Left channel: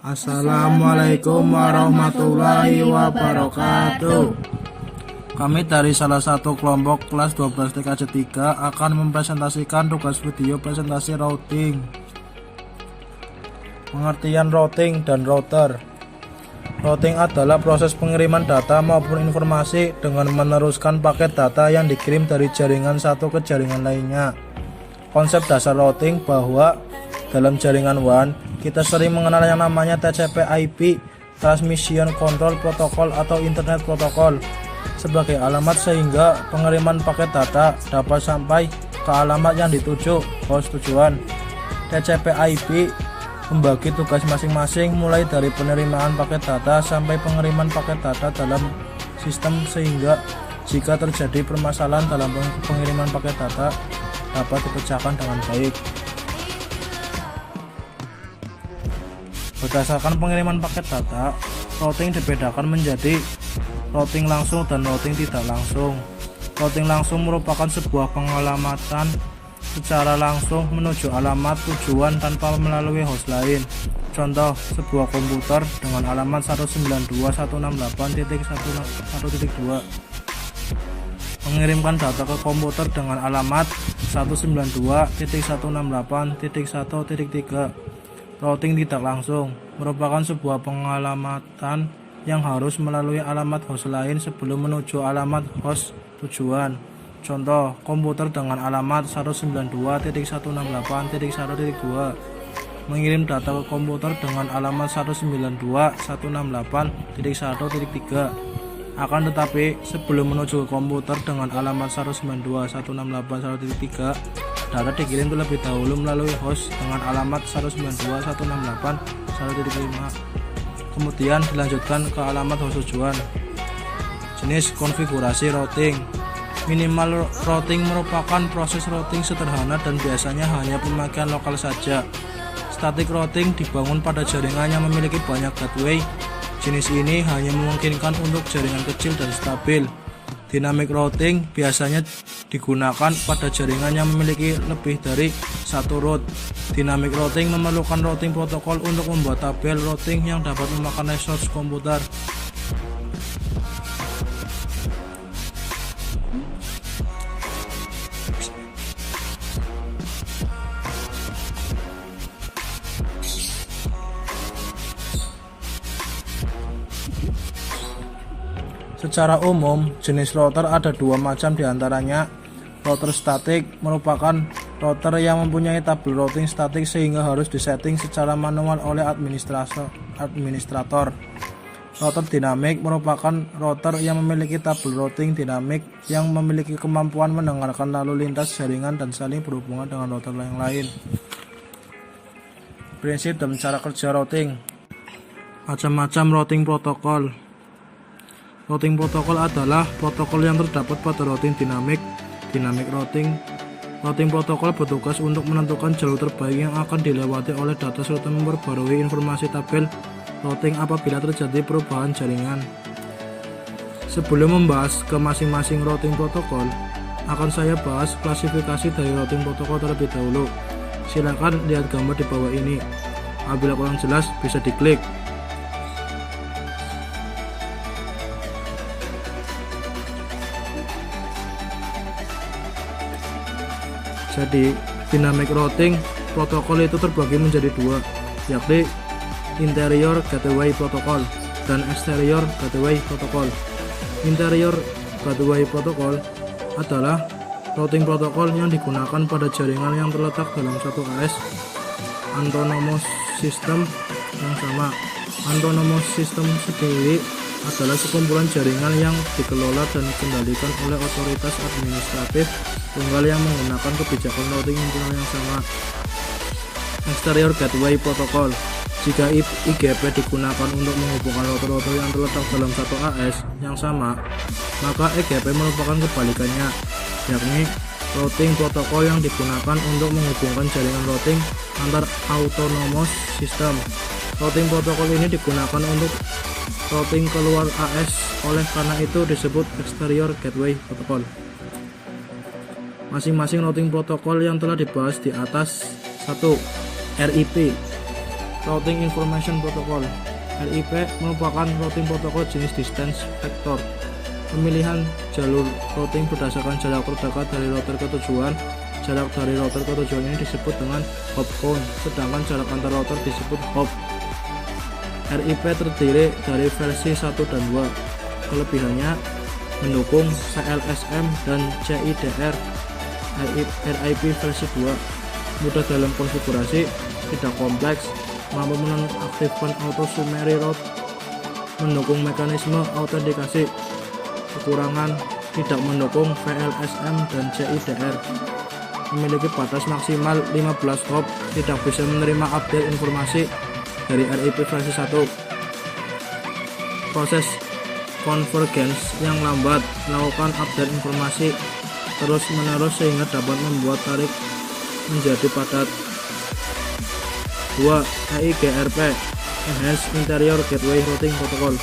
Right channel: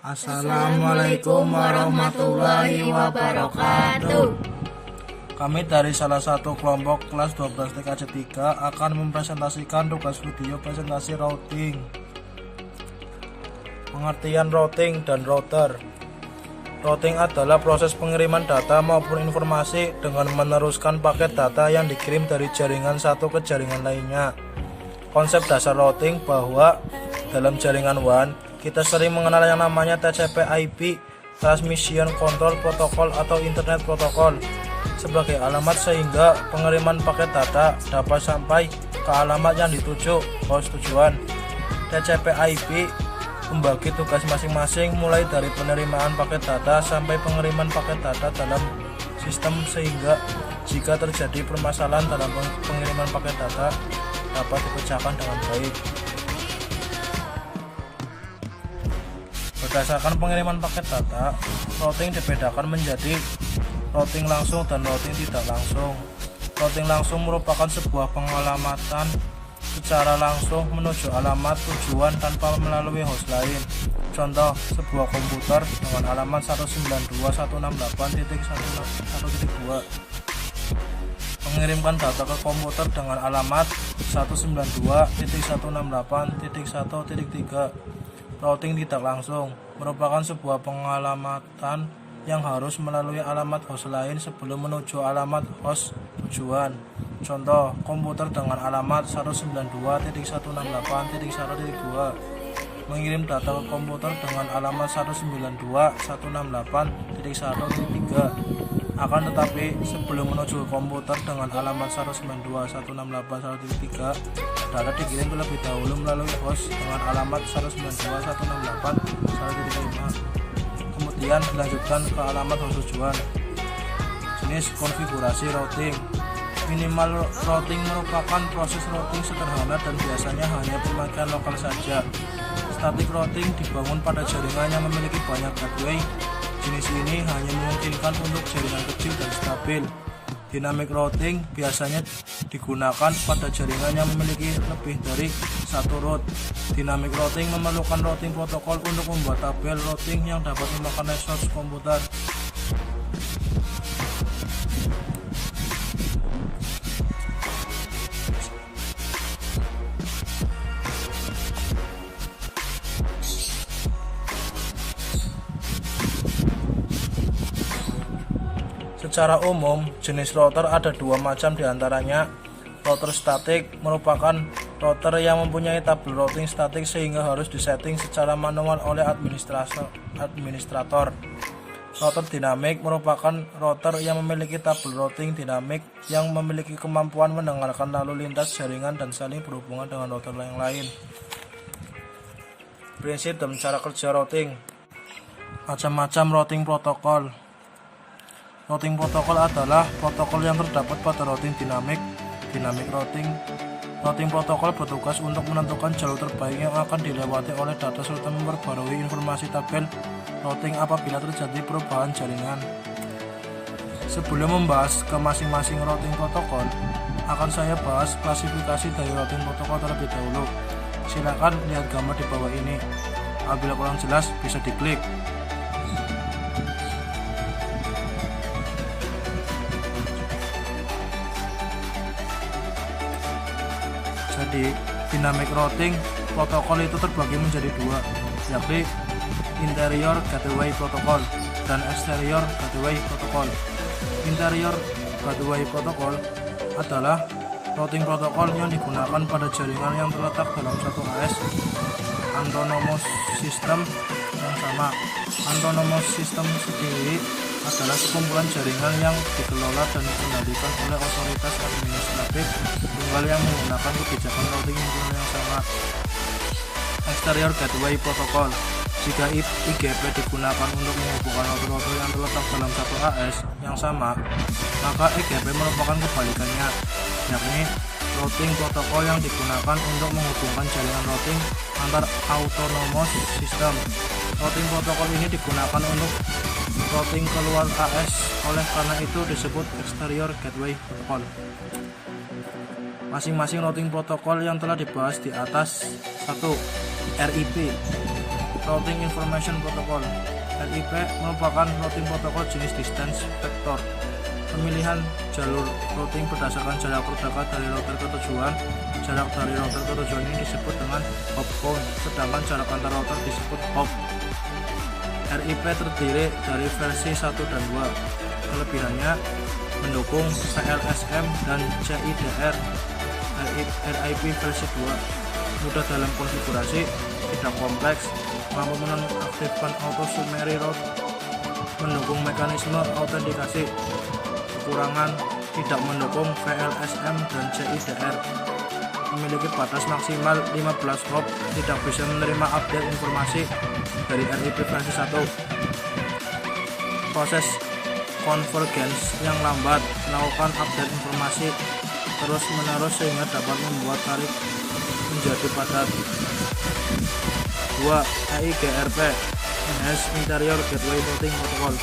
Assalamualaikum warahmatullahi wabarakatuh. Kami dari salah satu kelompok kelas 12 TKJ 3 akan mempresentasikan tugas video presentasi routing. Pengertian routing dan router. Routing adalah proses pengiriman data maupun informasi dengan meneruskan paket data yang dikirim dari jaringan satu ke jaringan lainnya. Konsep dasar routing bahwa dalam jaringan WAN kita sering mengenal yang namanya TCP/IP, Transmission Control Protocol atau Internet Protocol, sebagai alamat sehingga pengiriman paket data dapat sampai ke alamat yang dituju host tujuan. TCP/IP membagi tugas masing-masing mulai dari penerimaan paket data sampai pengiriman paket data dalam sistem, sehingga jika terjadi permasalahan dalam pengiriman paket data dapat dipecahkan dengan baik. Berdasarkan pengiriman paket data, routing dibedakan menjadi routing langsung dan routing tidak langsung. Routing langsung merupakan sebuah pengalamatan secara langsung menuju alamat tujuan tanpa melalui host lain. Contoh, sebuah komputer dengan alamat 192.168.1.2 mengirimkan data ke komputer dengan alamat 192.168.1.3. Routing tidak langsung merupakan sebuah pengalamatan yang harus melalui alamat host lain sebelum menuju alamat host tujuan. Contoh, komputer dengan alamat 192.168.1.2 mengirim data ke komputer dengan alamat 192.168.1.3. Akan tetapi, sebelum menuju ke komputer dengan alamat 192.168.1.3, data dikirim terlebih dahulu melalui host dengan alamat 192.168.1.5. Kemudian dilanjutkan ke alamat host tujuan. Jenis konfigurasi routing. Minimal routing merupakan proses routing sederhana dan biasanya hanya pemakaian lokal saja. Static routing dibangun pada jaringan yang memiliki banyak gateway. Jenis ini hanya memungkinkan untuk jaringan kecil dan stabil. Dynamic routing biasanya digunakan pada jaringan yang memiliki lebih dari satu route. Dynamic routing memerlukan routing protokol untuk membuat tabel routing yang dapat memakan resource komputer. Secara umum, jenis router ada dua macam diantaranya. Router statik merupakan router yang mempunyai tabel routing statik sehingga harus disetting secara manual oleh administrator. Router dinamik merupakan router yang memiliki tabel routing dinamik yang memiliki kemampuan mendengarkan lalu lintas jaringan dan saling berhubungan dengan router yang lain. Prinsip dan cara kerja routing. Macam-macam routing protokol. Routing protokol adalah protokol yang terdapat pada routing dinamik. Dynamic routing. Routing protokol bertugas untuk menentukan jalur terbaik yang akan dilewati oleh data serta memperbarui informasi tabel routing apabila terjadi perubahan jaringan. Sebelum membahas ke masing-masing routing protokol, akan saya bahas klasifikasi dari routing protokol terlebih dahulu. Silakan lihat gambar di bawah ini. Apabila kurang jelas bisa diklik. Jadi, dynamic routing protokol itu terbagi menjadi dua, yakni interior gateway protocol dan exterior gateway protocol. Interior gateway protocol adalah routing protokol yang digunakan pada jaringan yang terletak dalam satu AS autonomous system yang sama. Autonomous system sendiri adalah sekumpulan jaringan yang dikelola dan dikendalikan oleh otoritas administratif tunggal yang menggunakan kebijakan routing internal yang sama. Exterior Gateway Protocol. Jika IGP digunakan untuk menghubungkan router-router yang terletak dalam satu AS yang sama, maka EGP merupakan kebalikannya, yakni routing protokol yang digunakan untuk menghubungkan jaringan routing antar autonomous system. Routing protokol ini digunakan untuk routing keluar AS, oleh karena itu disebut Exterior Gateway Protocol. Masing-masing routing protokol yang telah dibahas di atas. 1. RIP. Routing Information Protocol. RIP merupakan routing protokol jenis distance vector. Pemilihan jalur routing berdasarkan jarak terdekat dari router ke tujuan. Jarak dari router ke tujuan ini disebut dengan hop count, sedangkan jarak antar router disebut hop. RIP terdiri dari versi 1 dan 2. Kelebihannya mendukung VLSM dan CIDR. RIP versi 2 mudah dalam konfigurasi, tidak kompleks, mampu menonaktifkan auto summary route, mendukung mekanisme autentikasi. Kekurangan tidak mendukung VLSM dan CIDR. Memiliki batas maksimal 15 hop, tidak bisa menerima update informasi dari RIP versi 1. Proses convergence yang lambat, melakukan update informasi terus menerus sehingga dapat membuat tarik menjadi padat. 2. EIGRP Enhanced Interior Gateway Routing Protocol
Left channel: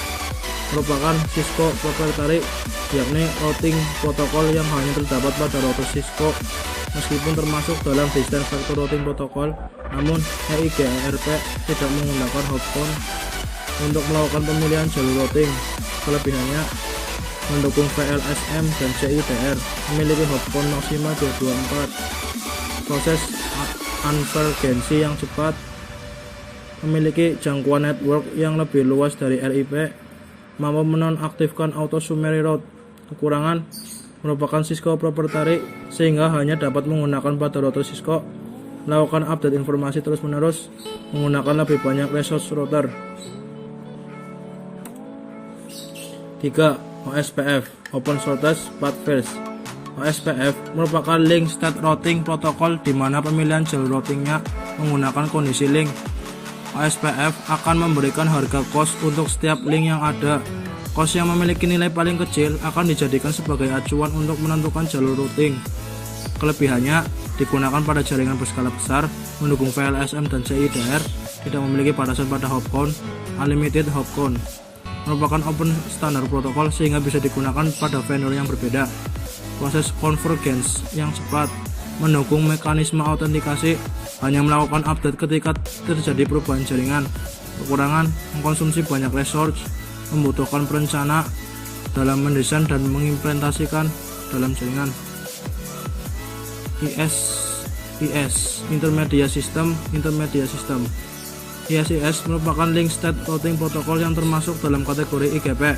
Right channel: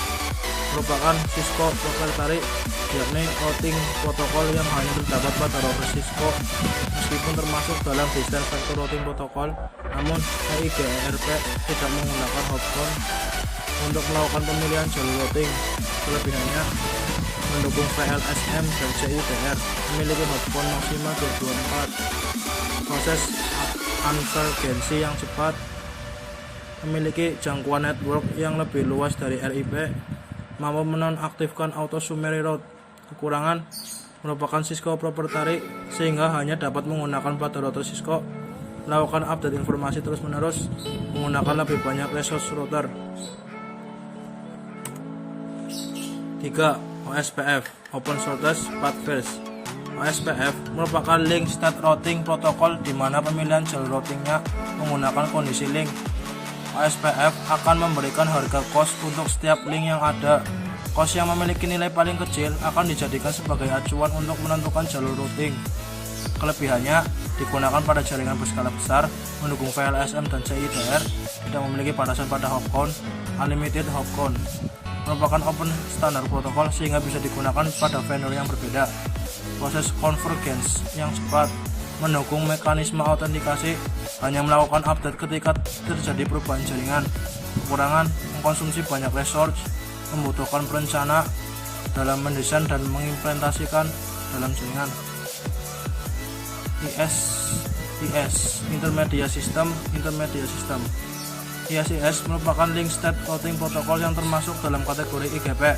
merupakan Cisco proprietary, yakni routing protokol yang hanya terdapat pada router Cisco. Meskipun termasuk dalam distance vector routing protocol, namun EIGRP tidak menggunakan hop count untuk melakukan pemilihan jalur routing. Kelebihannya mendukung VLSM dan CIDR, memiliki hop count maksimal 224. Proses konvergensi yang cepat, memiliki jangkauan network yang lebih luas dari RIP, mampu menonaktifkan auto summary route. Kekurangan merupakan Cisco proprietary sehingga hanya dapat menggunakan pada router Cisco. Melakukan update informasi terus menerus menggunakan lebih banyak resource router. 3. OSPF Open Shortest Path First. OSPF merupakan link state routing protokol di mana pemilihan jalur routingnya menggunakan kondisi link. OSPF akan memberikan harga cost untuk setiap link yang ada. Cost yang memiliki nilai paling kecil akan dijadikan sebagai acuan untuk menentukan jalur routing. Kelebihannya digunakan pada jaringan berskala besar, mendukung VLSM dan CIDR, tidak memiliki batasan pada hop count, unlimited hop count. Merupakan open standar protokol sehingga bisa digunakan pada vendor yang berbeda. Proses convergence yang cepat, mendukung mekanisme autentikasi, hanya melakukan update ketika terjadi perubahan jaringan. Kekurangan mengkonsumsi banyak resource, membutuhkan perencana dalam mendesain dan mengimplementasikan dalam jaringan. IS Intermediate System. ISIS merupakan link state routing protokol yang termasuk dalam kategori IGP.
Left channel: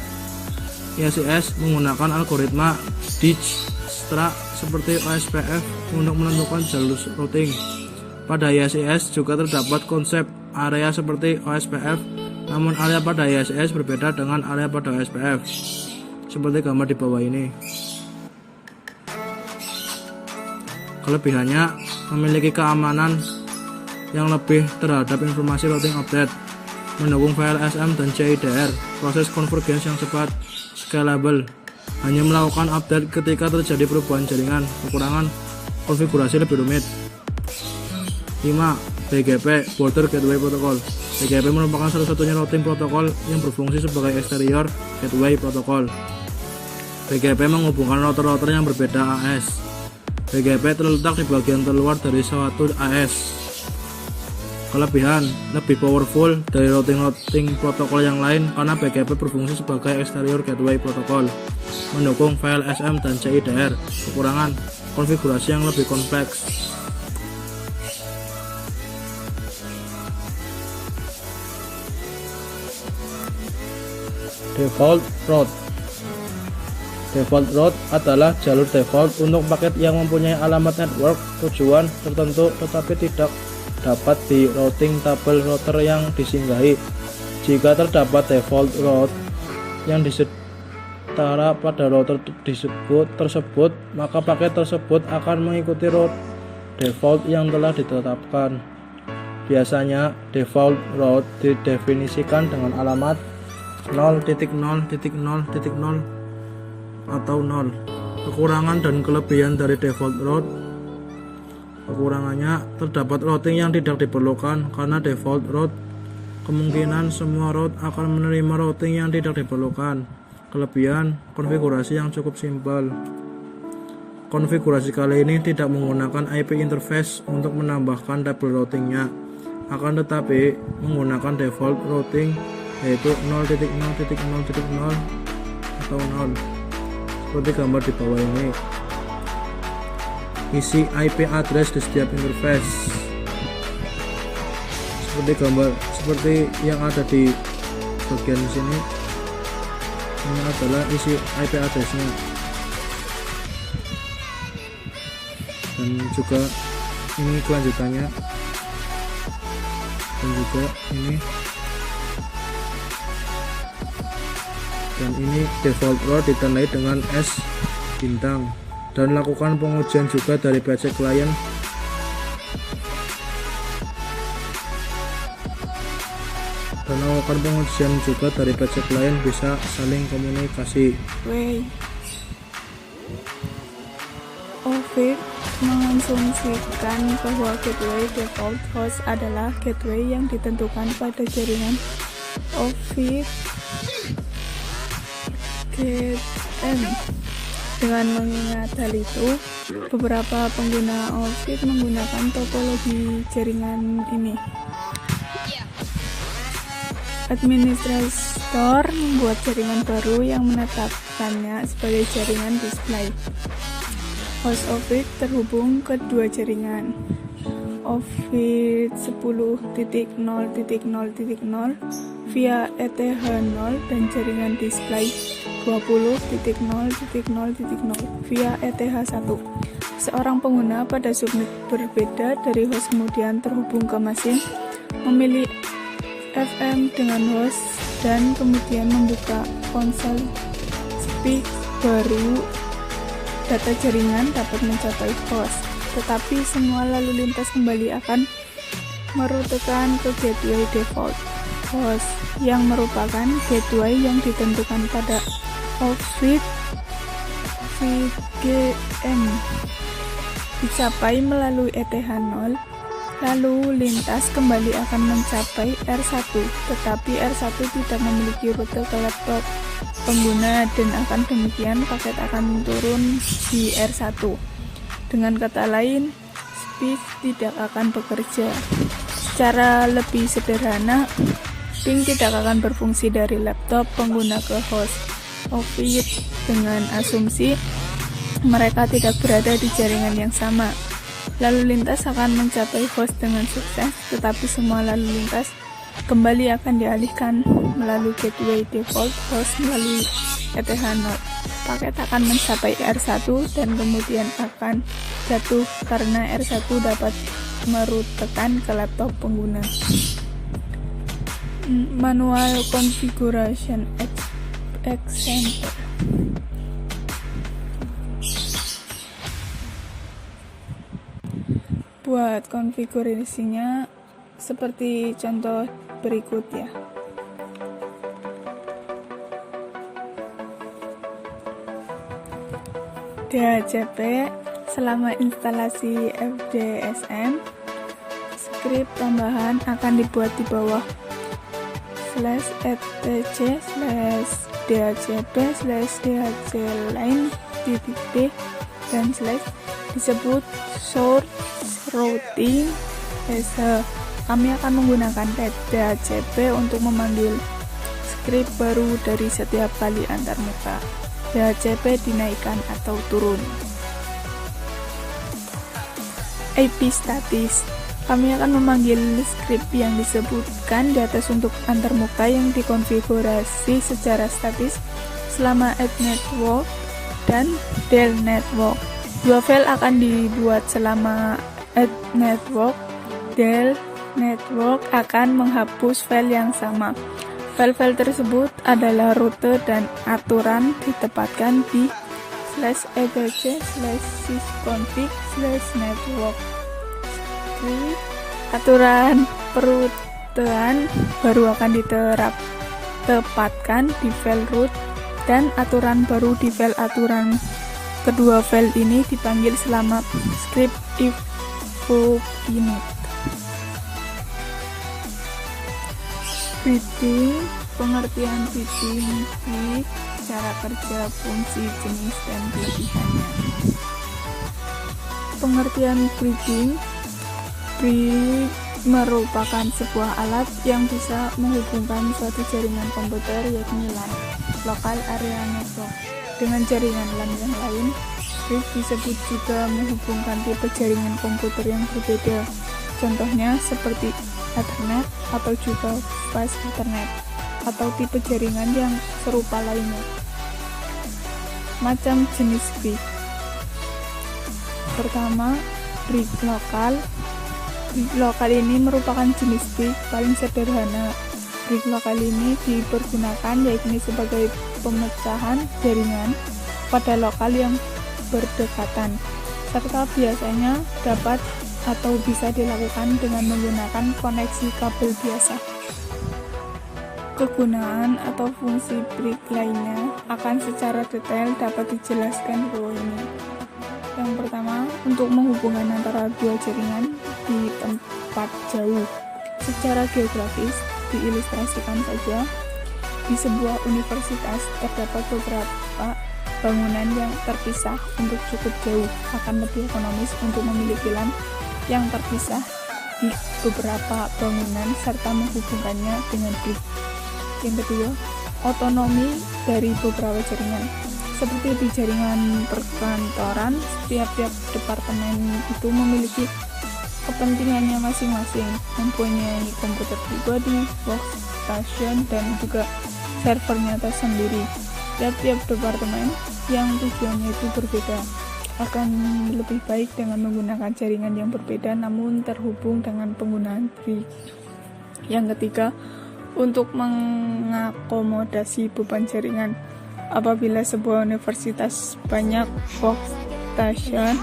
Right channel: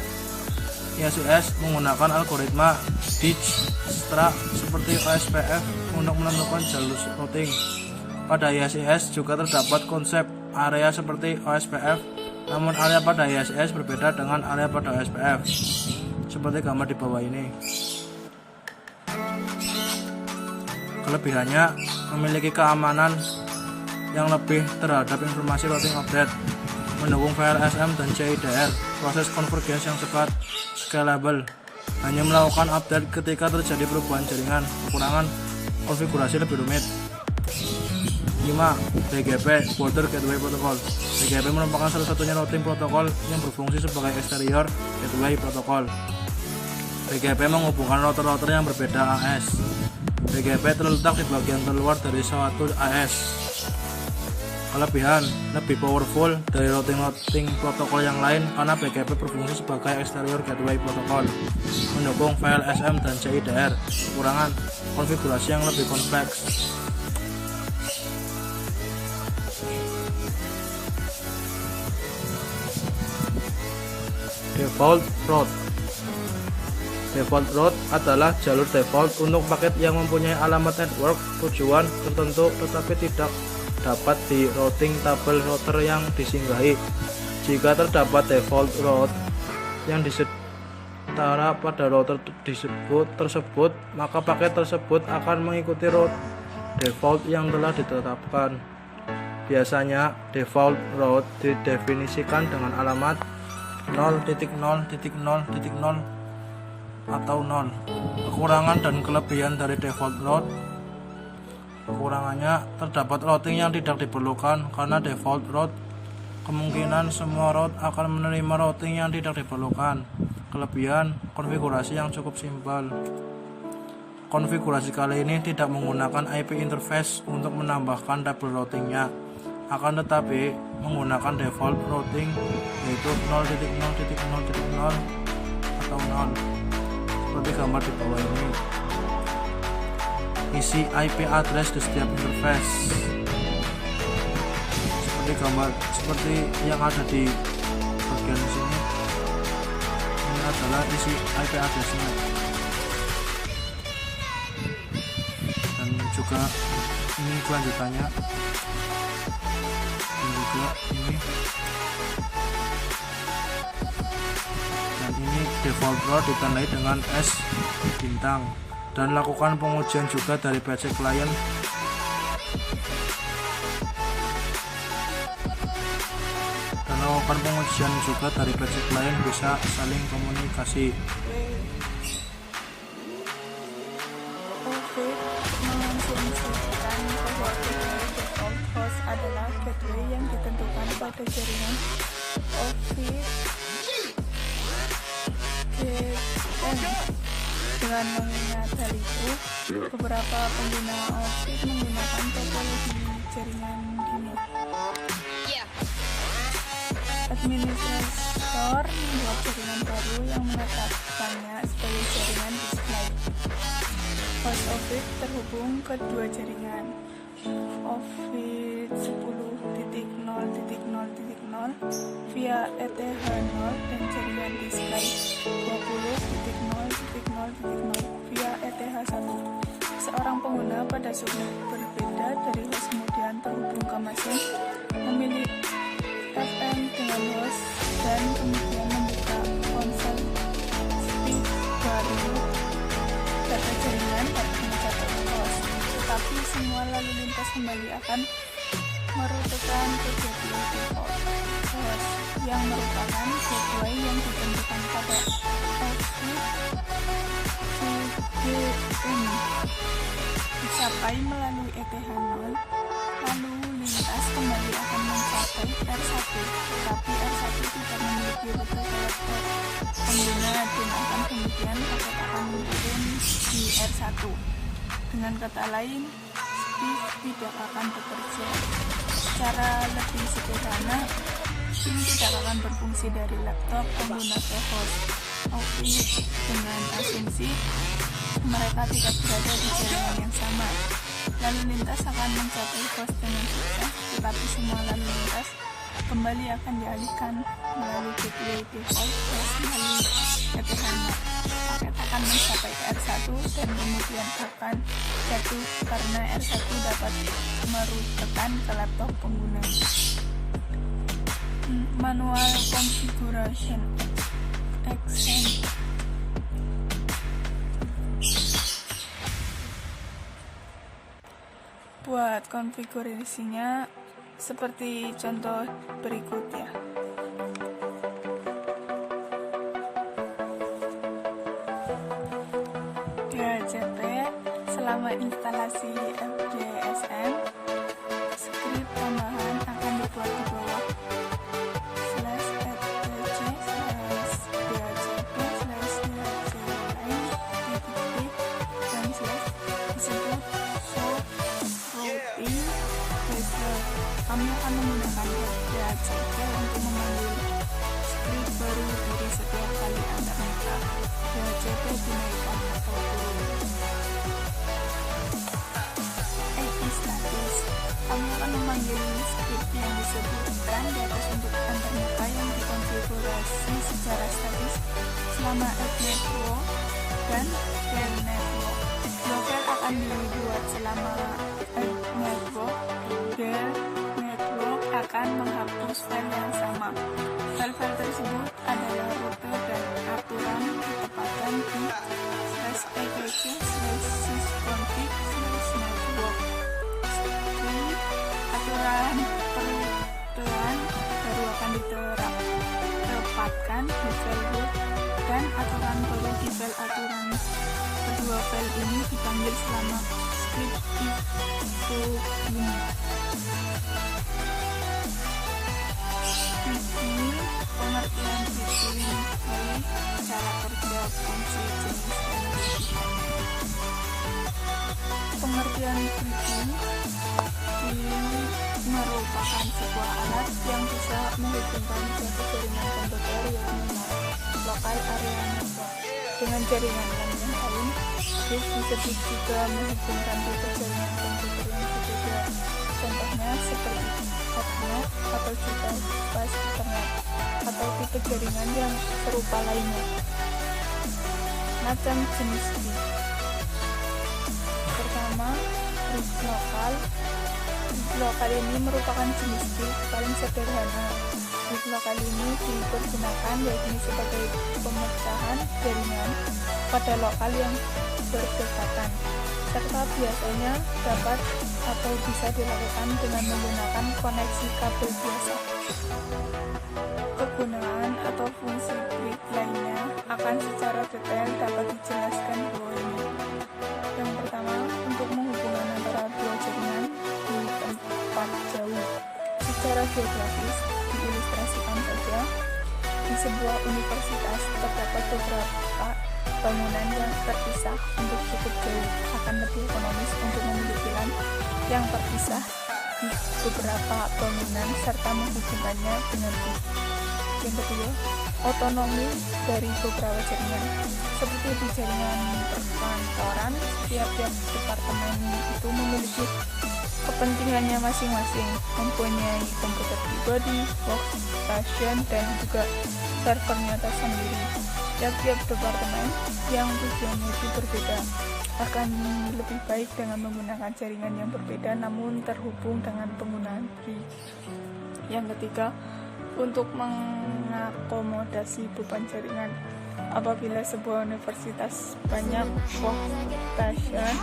ISIS menggunakan algoritma Dijkstra seperti OSPF untuk menentukan jalur routing. Pada ISIS juga terdapat konsep area seperti OSPF, namun area pada ISIS berbeda dengan area pada OSPF, seperti gambar di bawah ini. Kelebihannya memiliki keamanan yang lebih terhadap informasi routing update, mendukung VLSM dan CIDR, proses convergence yang cepat, scalable, hanya melakukan update ketika terjadi perubahan jaringan. Kekurangan konfigurasi lebih rumit. 5. BGP Border Gateway Protocol. BGP merupakan satu-satunya routing protokol yang berfungsi sebagai exterior gateway protocol. BGP menghubungkan router-router yang berbeda AS. BGP terletak di bagian terluar dari suatu AS. Kelebihan, lebih powerful dari routing protokol yang lain karena BGP berfungsi sebagai exterior gateway protocol, mendukung VLSM dan CIDR. Kekurangan, konfigurasi yang lebih kompleks. Default route. Default route adalah jalur default untuk paket yang mempunyai alamat network tujuan tertentu tetapi tidak dapat di routing tabel router yang disinggahi. Jika terdapat default route yang disetara pada router tersebut, maka paket tersebut akan mengikuti route default yang telah ditetapkan. Biasanya default route didefinisikan dengan alamat 0.0.0.0 atau 0. Kekurangan dan kelebihan dari default route. Kekurangannya, terdapat routing yang tidak diperlukan karena default route. Kemungkinan semua route akan menerima routing yang tidak diperlukan. Kelebihan, konfigurasi yang cukup simpel. Konfigurasi kali ini tidak menggunakan IP interface untuk menambahkan tabel routingnya. Akan tetapi menggunakan default routing yaitu 0.0.0 atau 0 seperti gambar di bawah ini. Isi IP address di setiap interface seperti yang ada di bagian sini. Ini adalah isi IP addressnya, dan juga ini kelanjutannya, dan juga ini, dan ini default route ditandai dengan S bintang. Dan lakukan pengujian juga dari PC client bisa saling komunikasi. Ovid mengasumsikan bahwa gateway default host adalah gateway yang ditentukan pada jaringan Ovid GM. Dengan mengingat hal itu, beberapa pengguna Ovid menggunakan topologi jaringan ini. Administrator membuat jaringan baru yang menetapkannya sebagai jaringan display. Host Ovid terhubung ke dua jaringan, Ovid 10.0.0.0 via ETH0 dan jaringan display 20.0.0.0 via ETH1. Seorang pengguna pada subnet berbeda dari host kemudian terhubung ke mesin, memilih FM dengan host, dan kemudian membuka konsol speak baru. Data jaringan dapat mencapai host, tetapi semua lalu lintas kembali akan merutekan ke gateway default host yang merupakan gateway yang ditentukan pada Ovid GM. Dicapai melalui ETH0, lalu lintas kembali akan mencapai R1, tetapi R1 tidak memiliki rute ke laptop pengguna, dan akan demikian paket akan turun di R1. Dengan kata lain, speak tidak akan bekerja. Secara lebih sederhana, ping tidak akan berfungsi dari laptop pengguna ke host Ovid dengan asumsi mereka tidak berada di jaringan yang sama. Lalu lintas akan mencapai host dengan sukses, tetapi semua lalu lintas kembali akan dialihkan melalui gateway default host melalui ETH0. Paket akan mencapai R1 dan kemudian akan jatuh karena R1 dapat merutekan ke laptop pengguna. Manual configuration example. Buat konfigurasinya seperti contoh berikut ya. DHCP selama instalasi FDSM, skrip tambahan akan dibuat di bawah /etc/dhcp/dhcline dan disebut source routing as. Kami akan menggunakan DHCP untuk memanggil skrip baru dari setiap kali antarmuka. DHCP dinaikkan atau turun. IP statis. Kami akan memanggil skrip yang disebutkan di atas untuk antarmuka yang dikonfigurasi secara statis selama add network dan del network. Dua file akan dibuat selama add network. Del network akan menghapus file yang sama. File-file tersebut adalah rute dan aturan ditempatkan di /etc/sysconfig/network. Aturan perutean baru akan ditempatkan di file root, dan aturan baru di file aturan. Kedua file ini dipanggil selama script if ini. Switching, pengertian switching, cara kerja, fungsi, jenis, dan kelebihannya. Pengertian bridging. merupakan sebuah alat yang bisa menghubungkan suatu jaringan komputer yakni LAN, Local Area Network, dengan jaringan LAN yang lain. Brick disebut juga menghubungkan tipe jaringan komputer yang berbeda. Contohnya seperti Ethernet atau juga Fast Ethernet atau tipe jaringan yang serupa lainnya. Macam jenis brick. Pertama, brick lokal. Brick lokal ini merupakan jenis brick paling sederhana. Brick lokal ini dipergunakan yakni sebagai pemecahan jaringan pada lokal yang berdekatan, serta biasanya dapat atau bisa dilakukan dengan menggunakan koneksi kabel biasa. Kegunaan atau fungsi brick lainnya akan secara detail dapat dijelaskan di bawah ini. Yang pertama, untuk menghubungkan antara dua jaringan di tempat jauh. Secara geografis, diilustrasikan saja, di sebuah universitas terdapat beberapa bangunan yang terpisah untuk cukup jauh. Akan lebih ekonomis untuk memiliki LAN yang terpisah di beberapa bangunan serta menghubungkannya dengan brick. Yang kedua, otonomi dari beberapa jaringan. Seperti di jaringan perkantoran, tiap-tiap departemen itu memiliki kepentingannya masing-masing, mempunyai komputer pribadi, workstation, dan juga servernya tersendiri. Tiap-tiap departemen yang tujuannya itu berbeda akan lebih baik dengan menggunakan jaringan yang berbeda namun terhubung dengan penggunaan brick. Yang ketiga, untuk mengakomodasi beban jaringan. Apabila sebuah universitas banyak workstation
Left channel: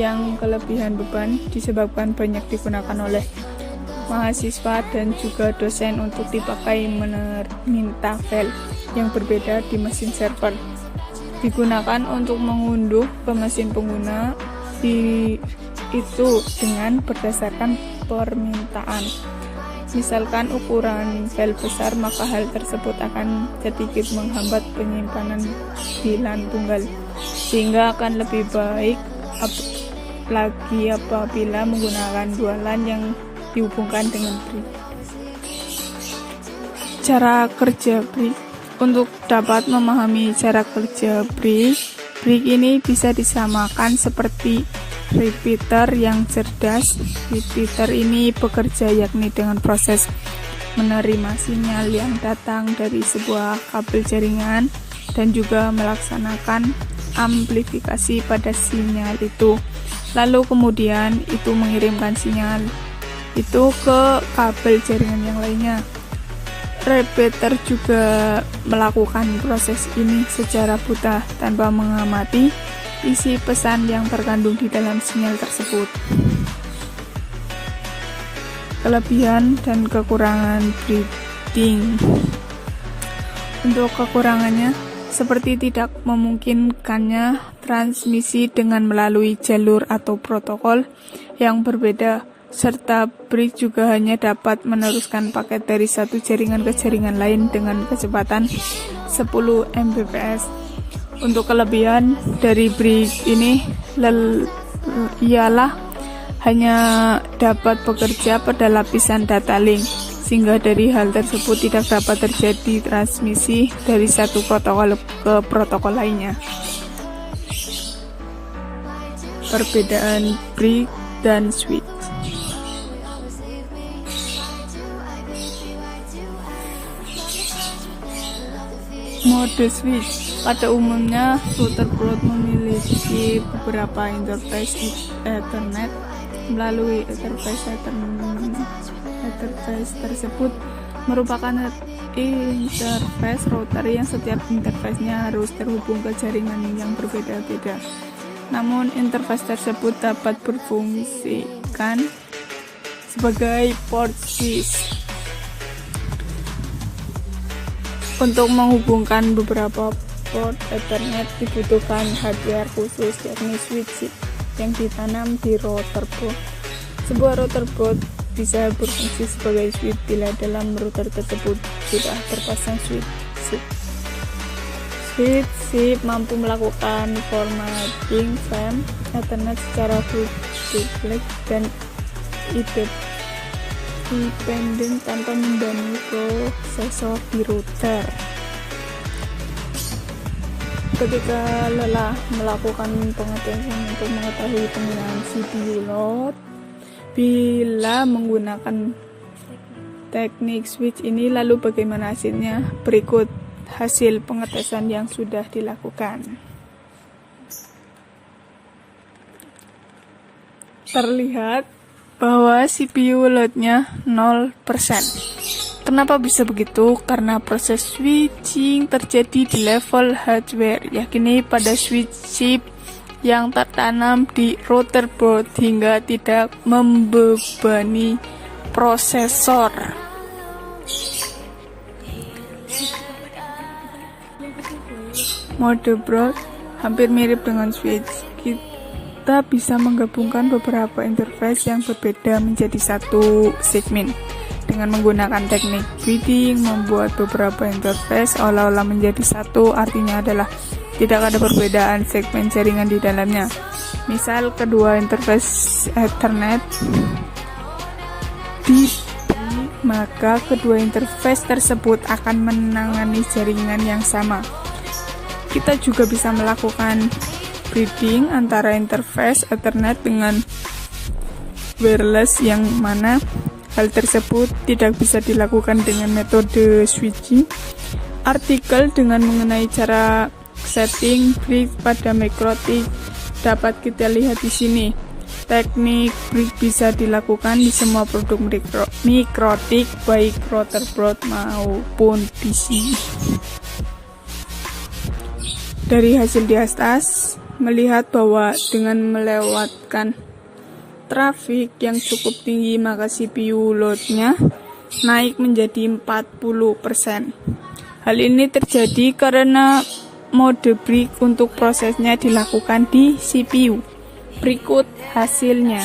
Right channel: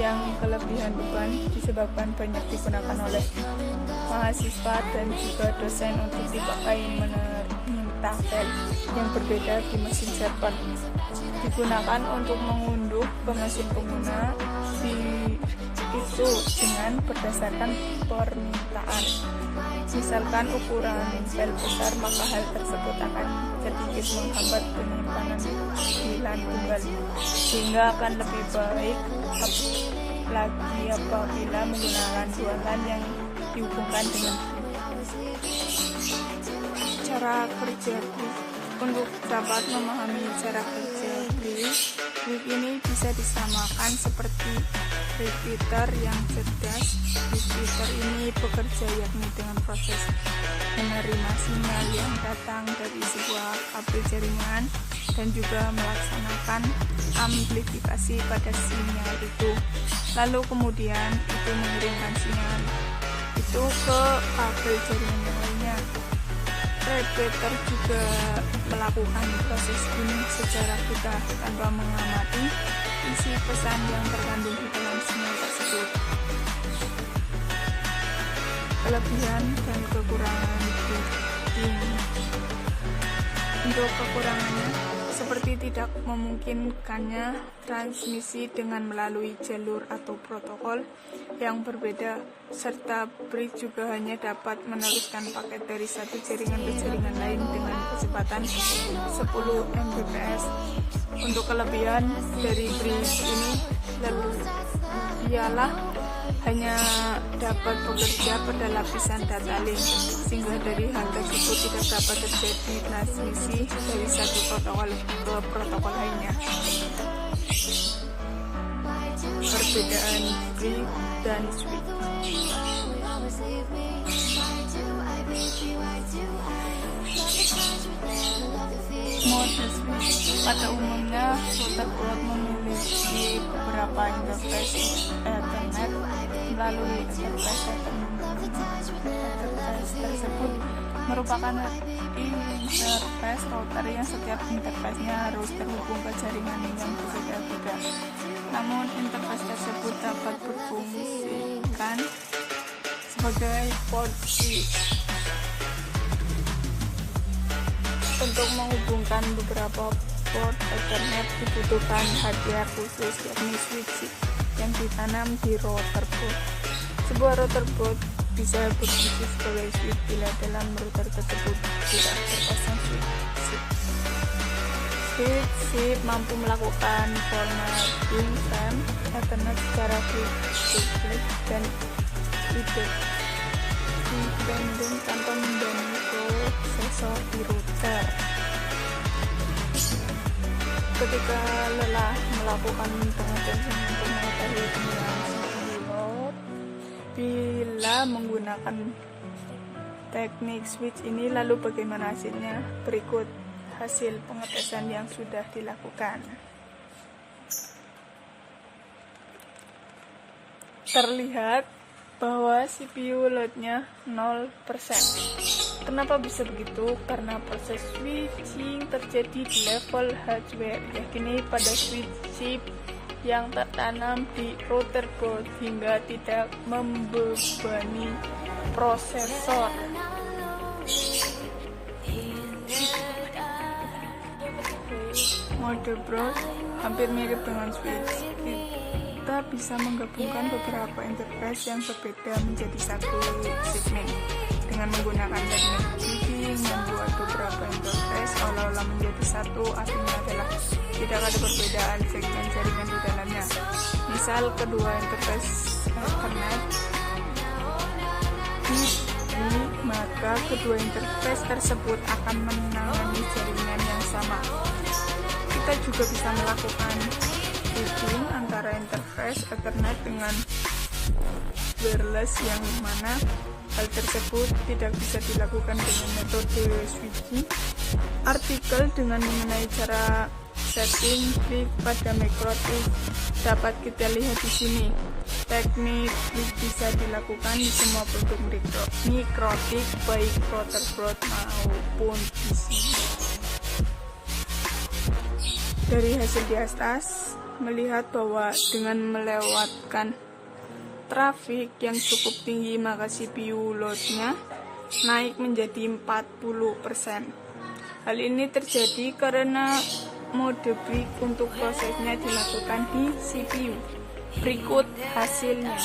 yang kelebihan beban disebabkan banyak digunakan oleh mahasiswa dan juga dosen untuk dipakai meminta file yang berbeda di mesin server, digunakan untuk mengunduh ke mesin pengguna itu dengan berdasarkan permintaan. Misalkan ukuran file besar, maka hal tersebut akan sedikit menghambat penyimpanan di LAN tunggal, sehingga akan lebih baik lagi apabila menggunakan dua LAN yang dihubungkan dengan brick. Cara kerja brick. Untuk dapat memahami cara kerja brick ini bisa disamakan seperti repeater yang cerdas. Repeater ini bekerja yakni dengan proses menerima sinyal yang datang dari sebuah kabel jaringan dan juga melaksanakan amplifikasi pada sinyal itu. Lalu kemudian itu mengirimkan sinyal itu ke kabel jaringan yang lainnya. Repeater juga melakukan proses ini secara buta tanpa mengamati isi pesan yang terkandung di dalam sinyal tersebut. Kelebihan dan kekurangan bridging. Untuk kekurangannya, seperti tidak memungkinkannya transmisi dengan melalui jalur atau protokol yang berbeda, serta brick juga hanya dapat meneruskan paket dari satu jaringan ke jaringan lain dengan kecepatan 10 Mbps. Untuk kelebihan dari brick ini ialah hanya dapat bekerja pada lapisan data link, sehingga dari hal tersebut tidak dapat terjadi transmisi dari satu protokol ke protokol lainnya. Perbedaan brick dan switch. Mode switch. Pada umumnya, router board memiliki beberapa interface Ethernet. Melalui interface tersebut merupakan interface router yang setiap interface-nya harus terhubung ke jaringan yang berbeda-beda. Namun, interface tersebut dapat berfungsikan sebagai port switch. Untuk menghubungkan beberapa port Ethernet dibutuhkan hardware khusus, yakni switch yang ditanam di router board. Sebuah router board bisa berfungsi sebagai switch bila dalam router tersebut tidak terpasang switch. Switch mampu melakukan formatting FEM Ethernet secara duplex dan dependent tanpa mendanai prosesor di router. Ketika lelah melakukan pengetesan untuk mengetahui penggunaan CPU load, bila menggunakan teknik switch ini, lalu bagaimana hasilnya? Berikut hasil pengetesan yang sudah dilakukan. Terlihat bahwa CPU loadnya 0%. Kenapa bisa begitu? Karena proses switching terjadi di level hardware, yakni pada switch chip yang tertanam di router board hingga tidak membebani prosesor. Mode board hampir mirip dengan switch. Kita bisa menggabungkan beberapa interface yang berbeda menjadi satu segmen. Dengan menggunakan teknik breeding, membuat beberapa interface seolah-olah menjadi satu, artinya adalah tidak ada perbedaan segmen jaringan di dalamnya. Misal kedua interface Ethernet maka kedua interface tersebut akan menangani jaringan yang sama. Kita juga bisa melakukan breeding antara interface Ethernet dengan wireless, yang mana hal tersebut tidak bisa dilakukan dengan metode switching. Artikel dengan mengenai cara setting brick pada MikroTik dapat kita lihat di sini. Teknik brick bisa dilakukan di semua produk MikroTik, baik router board maupun PC. Dari hasil di atas, melihat bahwa dengan melewatkan trafik yang cukup tinggi, maka CPU loadnya naik menjadi 40%. Hal ini terjadi karena mode break untuk prosesnya dilakukan di CPU. Berikut hasilnya.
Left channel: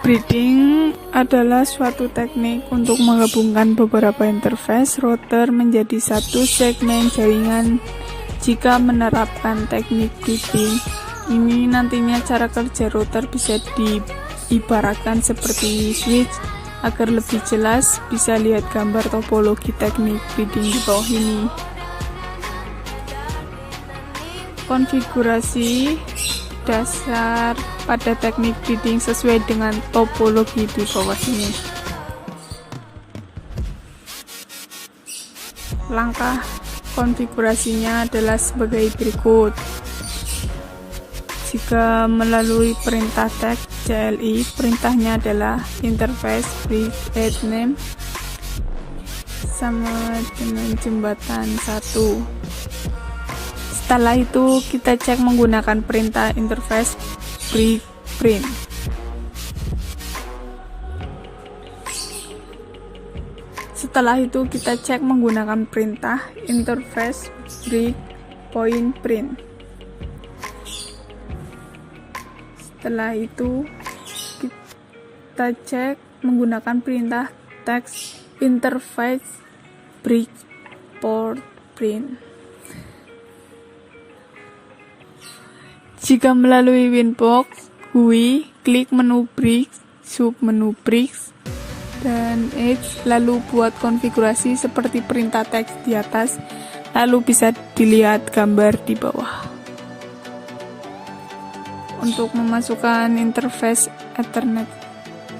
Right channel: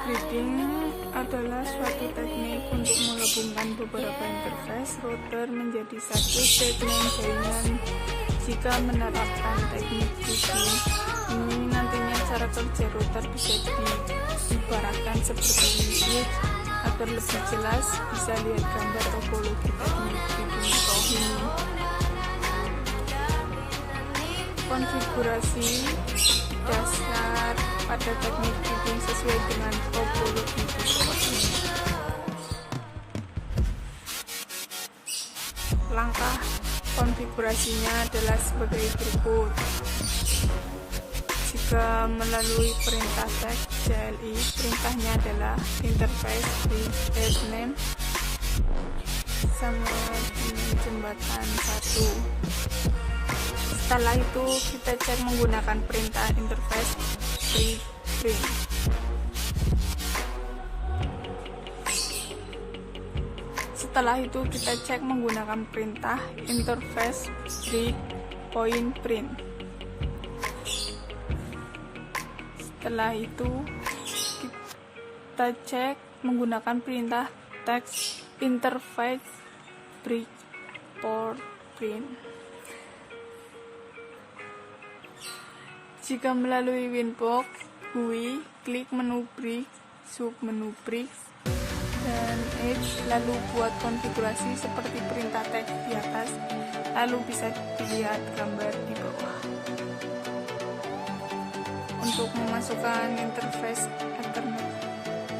Breeding adalah suatu teknik untuk menggabungkan beberapa interface router menjadi satu segmen jaringan. Jika menerapkan teknik breeding ini, nantinya cara kerja router bisa diibaratkan seperti switch. Agar lebih jelas, bisa lihat gambar topologi teknik breeding di bawah ini. Konfigurasi dasar pada teknik breeding sesuai dengan topologi di bawah ini. Langkah konfigurasinya adalah sebagai berikut. Jika melalui perintah text CLI, perintahnya adalah interface break add name sama dengan jembatan 1. Setelah itu kita cek menggunakan perintah interface break print. Setelah itu kita cek menggunakan perintah interface break point print. Setelah itu kita cek menggunakan perintah text interface break port print. Jika melalui Winbox GUI, klik menu break, sub menu break, dan Edge, lalu buat konfigurasi seperti perintah teks di atas, lalu bisa dilihat gambar di bawah. Untuk memasukkan interface Ethernet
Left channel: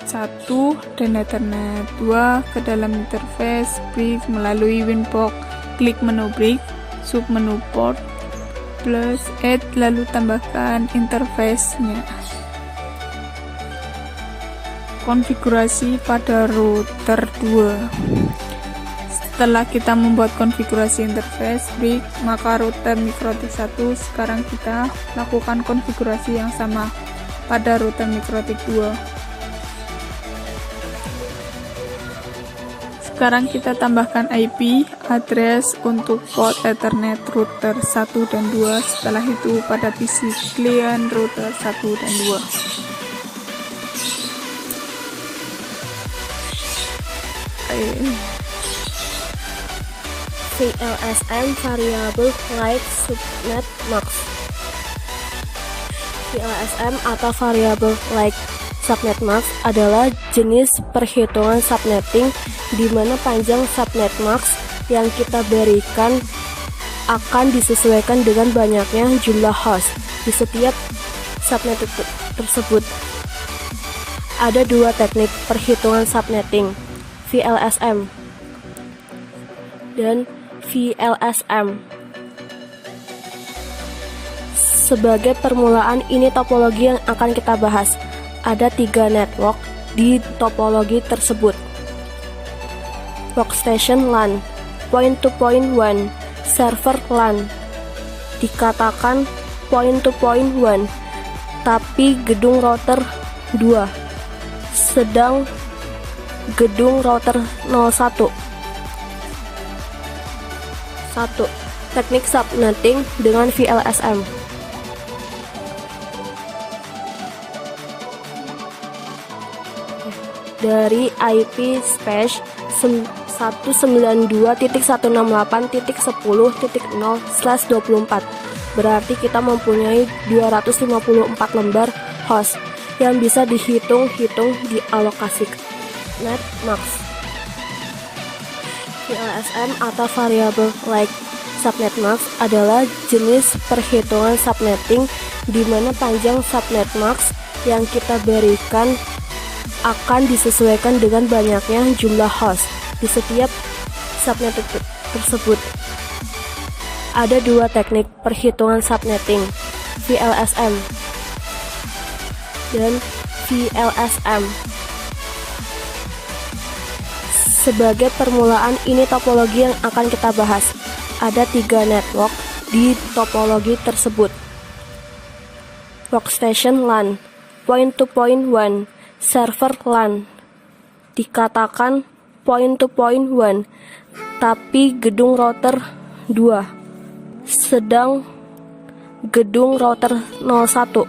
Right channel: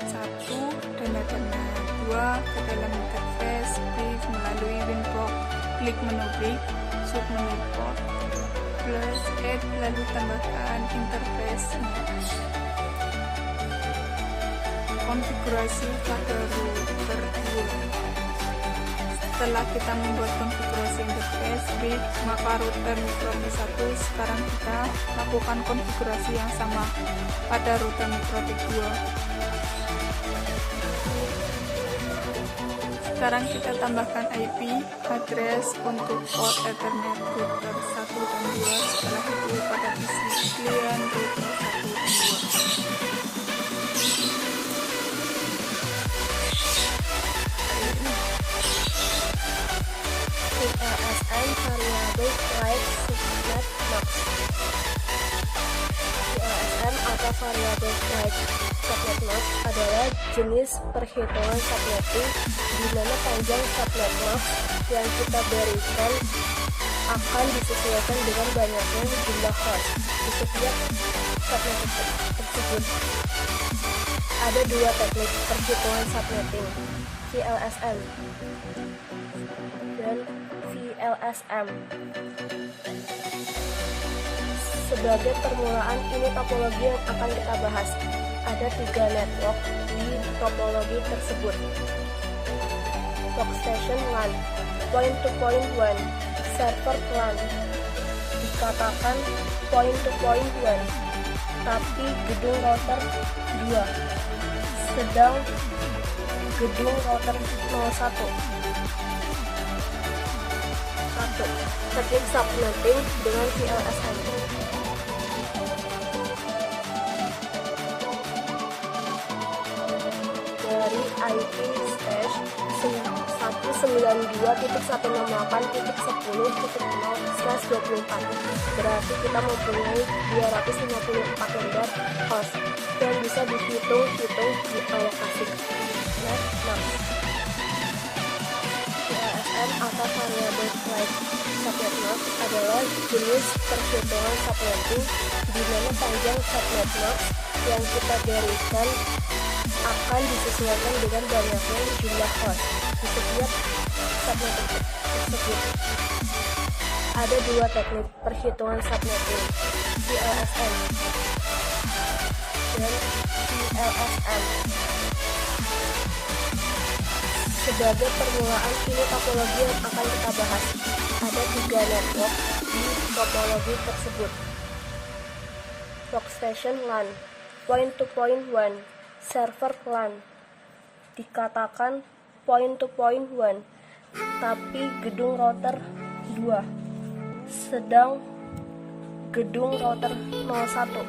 1 dan Ethernet 2 ke dalam interface break melalui Winbox, klik menu break, sub menu port, plus add, lalu tambahkan interface-nya. Konfigurasi pada router 2. Setelah kita membuat konfigurasi interface break, maka router MikroTik 1, sekarang kita lakukan konfigurasi yang sama pada router MikroTik 2. Sekarang kita tambahkan IP address untuk port Ethernet router 1 dan 2. Setelah itu pada PC klien router 1 dan 2. VLSM Variable Like Subnet Max. VLSM atau Variable Like subnet max adalah jenis perhitungan subnetting di mana panjang subnet max yang kita berikan akan disesuaikan dengan banyaknya jumlah host di setiap subnet tersebut. Ada dua teknik perhitungan subnetting, VLSM dan VLSM. Sebagai permulaan, ini topologi yang akan kita bahas. Ada 3 network di topologi tersebut. Workstation LAN, point-to-point WAN, server LAN. Dikatakan point-to-point WAN, tapi gedung router 2, sedang gedung router 01. 1. Teknik subnetting dengan VLSM. Dari IP space 192.168.10.0/24, berarti kita mempunyai 254 lembar host yang bisa dihitung-hitung dialokasikan. Net max. VLSM atau variable like subnet max adalah jenis perhitungan subnetting di mana panjang subnet max yang kita berikan akan disesuaikan dengan banyaknya jumlah host di setiap subnet tersebut. Ada dua teknik perhitungan subnetting, VLSM dan VLSM. Sebagai permulaan, ini topologi yang akan kita bahas. Ada 3 network di topologi tersebut. Workstation LAN, point-to-point WAN, server LAN. Dikatakan point-to-point WAN, tapi gedung router 2, sedang gedung router 01.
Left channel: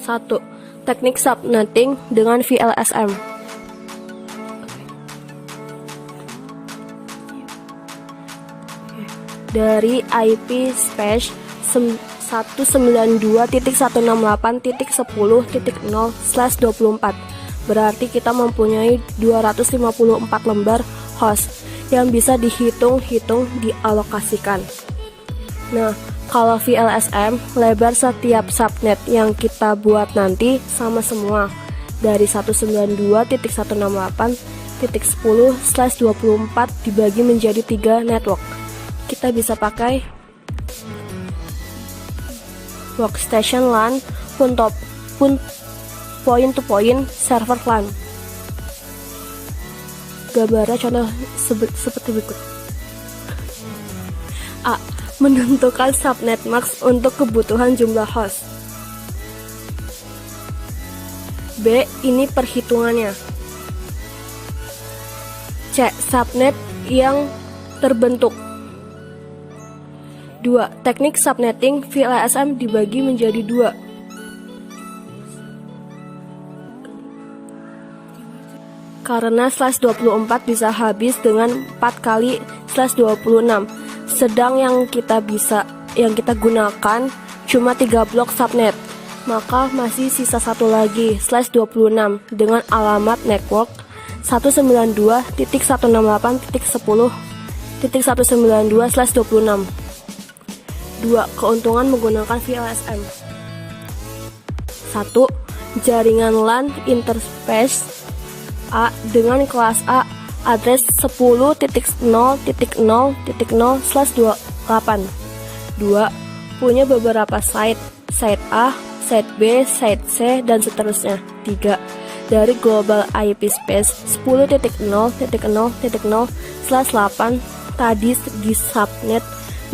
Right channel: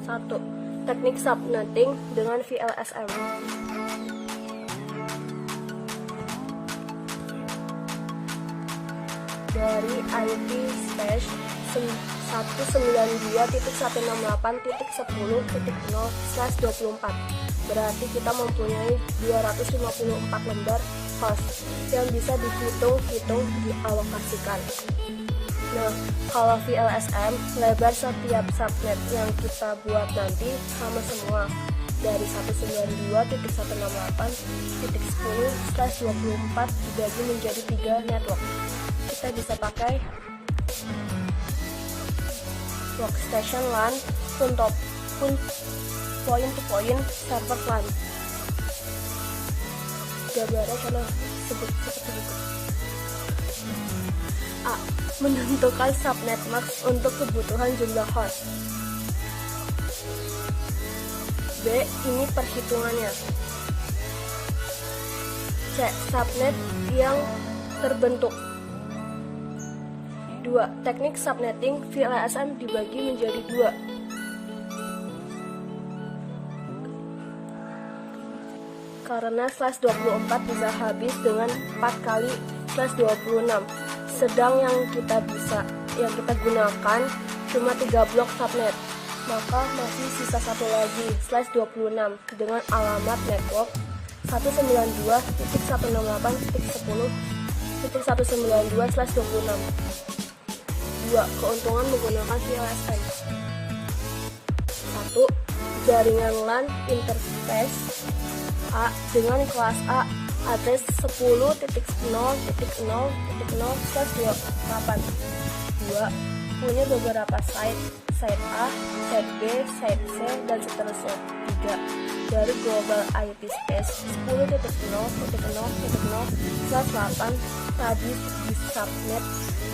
1. Teknik subnetting dengan VLSM. Dari IP space 192.168.10.0/24, berarti kita mempunyai 254 lembar host yang bisa dihitung-hitung dialokasikan. Nah, kalau VLSM, lebar setiap subnet yang kita buat nanti sama semua, dari 192.168.10/24 dibagi menjadi 3 network. Kita bisa pakai workstation LAN, point-to-point server LAN. Gambarnya contoh seperti berikut. A. Menentukan subnet max untuk kebutuhan jumlah host. B. Ini perhitungannya. C. Subnet yang terbentuk. 2. Teknik subnetting VLSM dibagi menjadi 2. Karena /24 bisa habis dengan 4 kali /26, sedang yang kita gunakan cuma 3 blok subnet, maka masih sisa satu lagi /26 dengan alamat network 192.168.10.192/26. 2. Keuntungan menggunakan VLSM. 1. Jaringan LAN interface A dengan kelas A address 10.0.0.0/28. 2. Punya beberapa site A, site B, site C, dan seterusnya. 3. Dari global IP space 10.0.0.0/8 tadi di subnet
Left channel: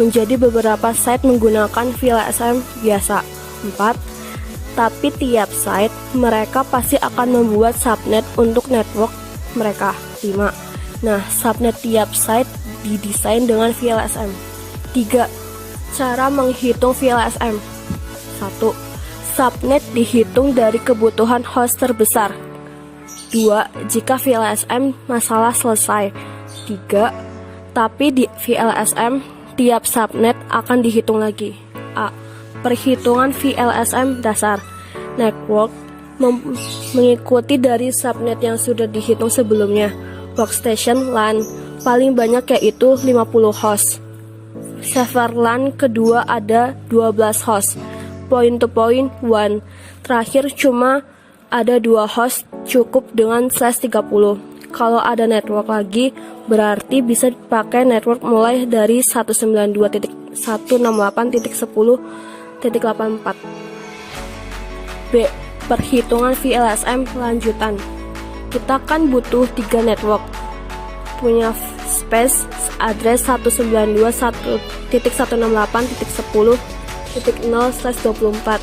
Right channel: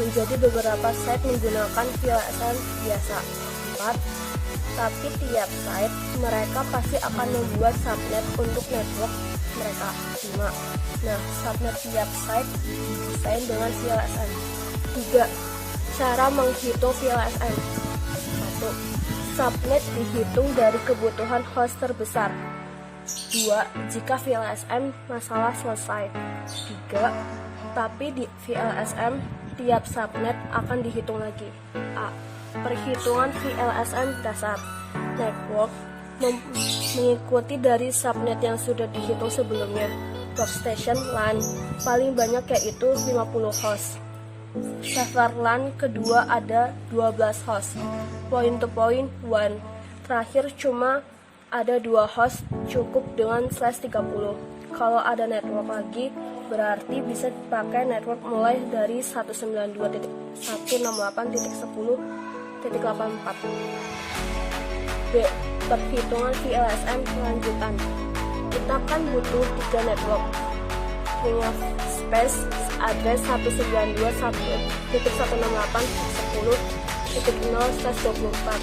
menjadi beberapa site menggunakan VLSM biasa. 4. Tapi tiap site mereka pasti akan membuat subnet untuk network mereka. 5. Nah, subnet tiap site didesain dengan VLSM. 3. Cara menghitung VLSM. 1. Subnet dihitung dari kebutuhan host terbesar. 2. Jika VLSM masalah selesai. 3. Tapi di VLSM tiap subnet akan dihitung lagi. A. Perhitungan VLSM dasar. network mengikuti dari subnet yang sudah dihitung sebelumnya. Workstation LAN paling banyak yaitu 50 host. Server LAN kedua ada 12 host. Point to point 1. Terakhir cuma ada 2 host, cukup dengan /30. Kalau ada network lagi, berarti bisa dipakai network mulai dari 192.168.10.84. B. Perhitungan VLSM lanjutan. Kita kan butuh 3 network, punya space address 192.168.10.0/24.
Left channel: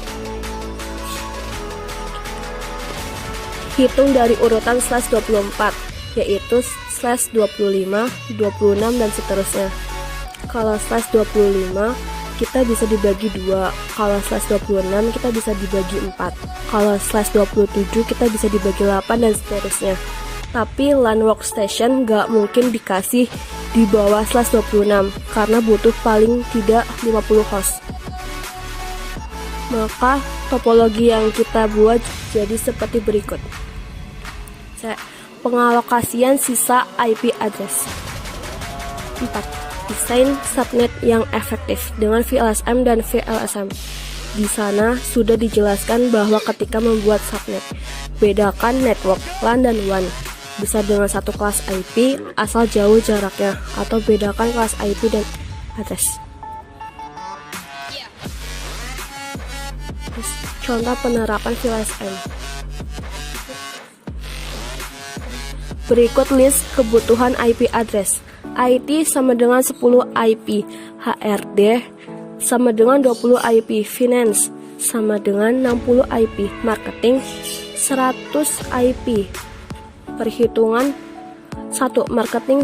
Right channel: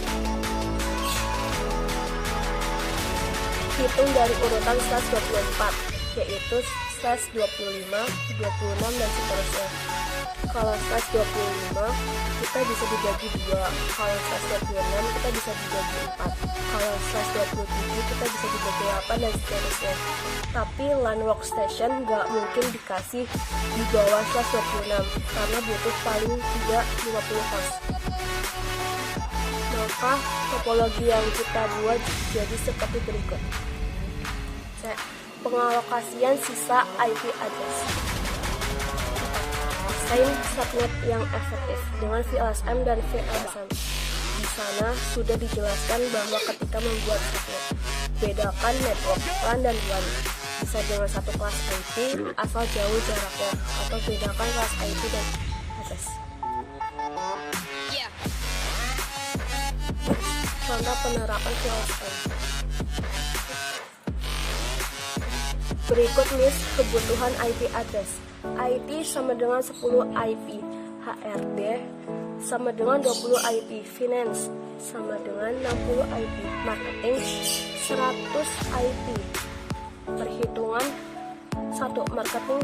Hitung dari urutan /24, yaitu /25, 26, dan seterusnya. Kalau /25 kita bisa dibagi 2, kalau /26 kita bisa dibagi 4, kalau /27 kita bisa dibagi 8, dan seterusnya. Tapi LAN workstation nggak mungkin dikasih di bawah /26 karena butuh paling tidak 50 host. Maka topologi yang kita buat jadi seperti berikut. C. Pengalokasian sisa IP address. 4. Desain subnet yang efektif dengan VLSM dan VLSM. Di sana sudah dijelaskan bahwa ketika membuat subnet, bedakan network LAN dan WAN. Bisa dengan satu kelas IP asal jauh jaraknya, atau bedakan kelas IP dan address. Contoh penerapan VLSM. Berikut list kebutuhan IP address. IT sama dengan 10 IP, HRD sama dengan 20 IP, Finance sama dengan 60 IP, Marketing 100 IP. Perhitungan 1. Marketing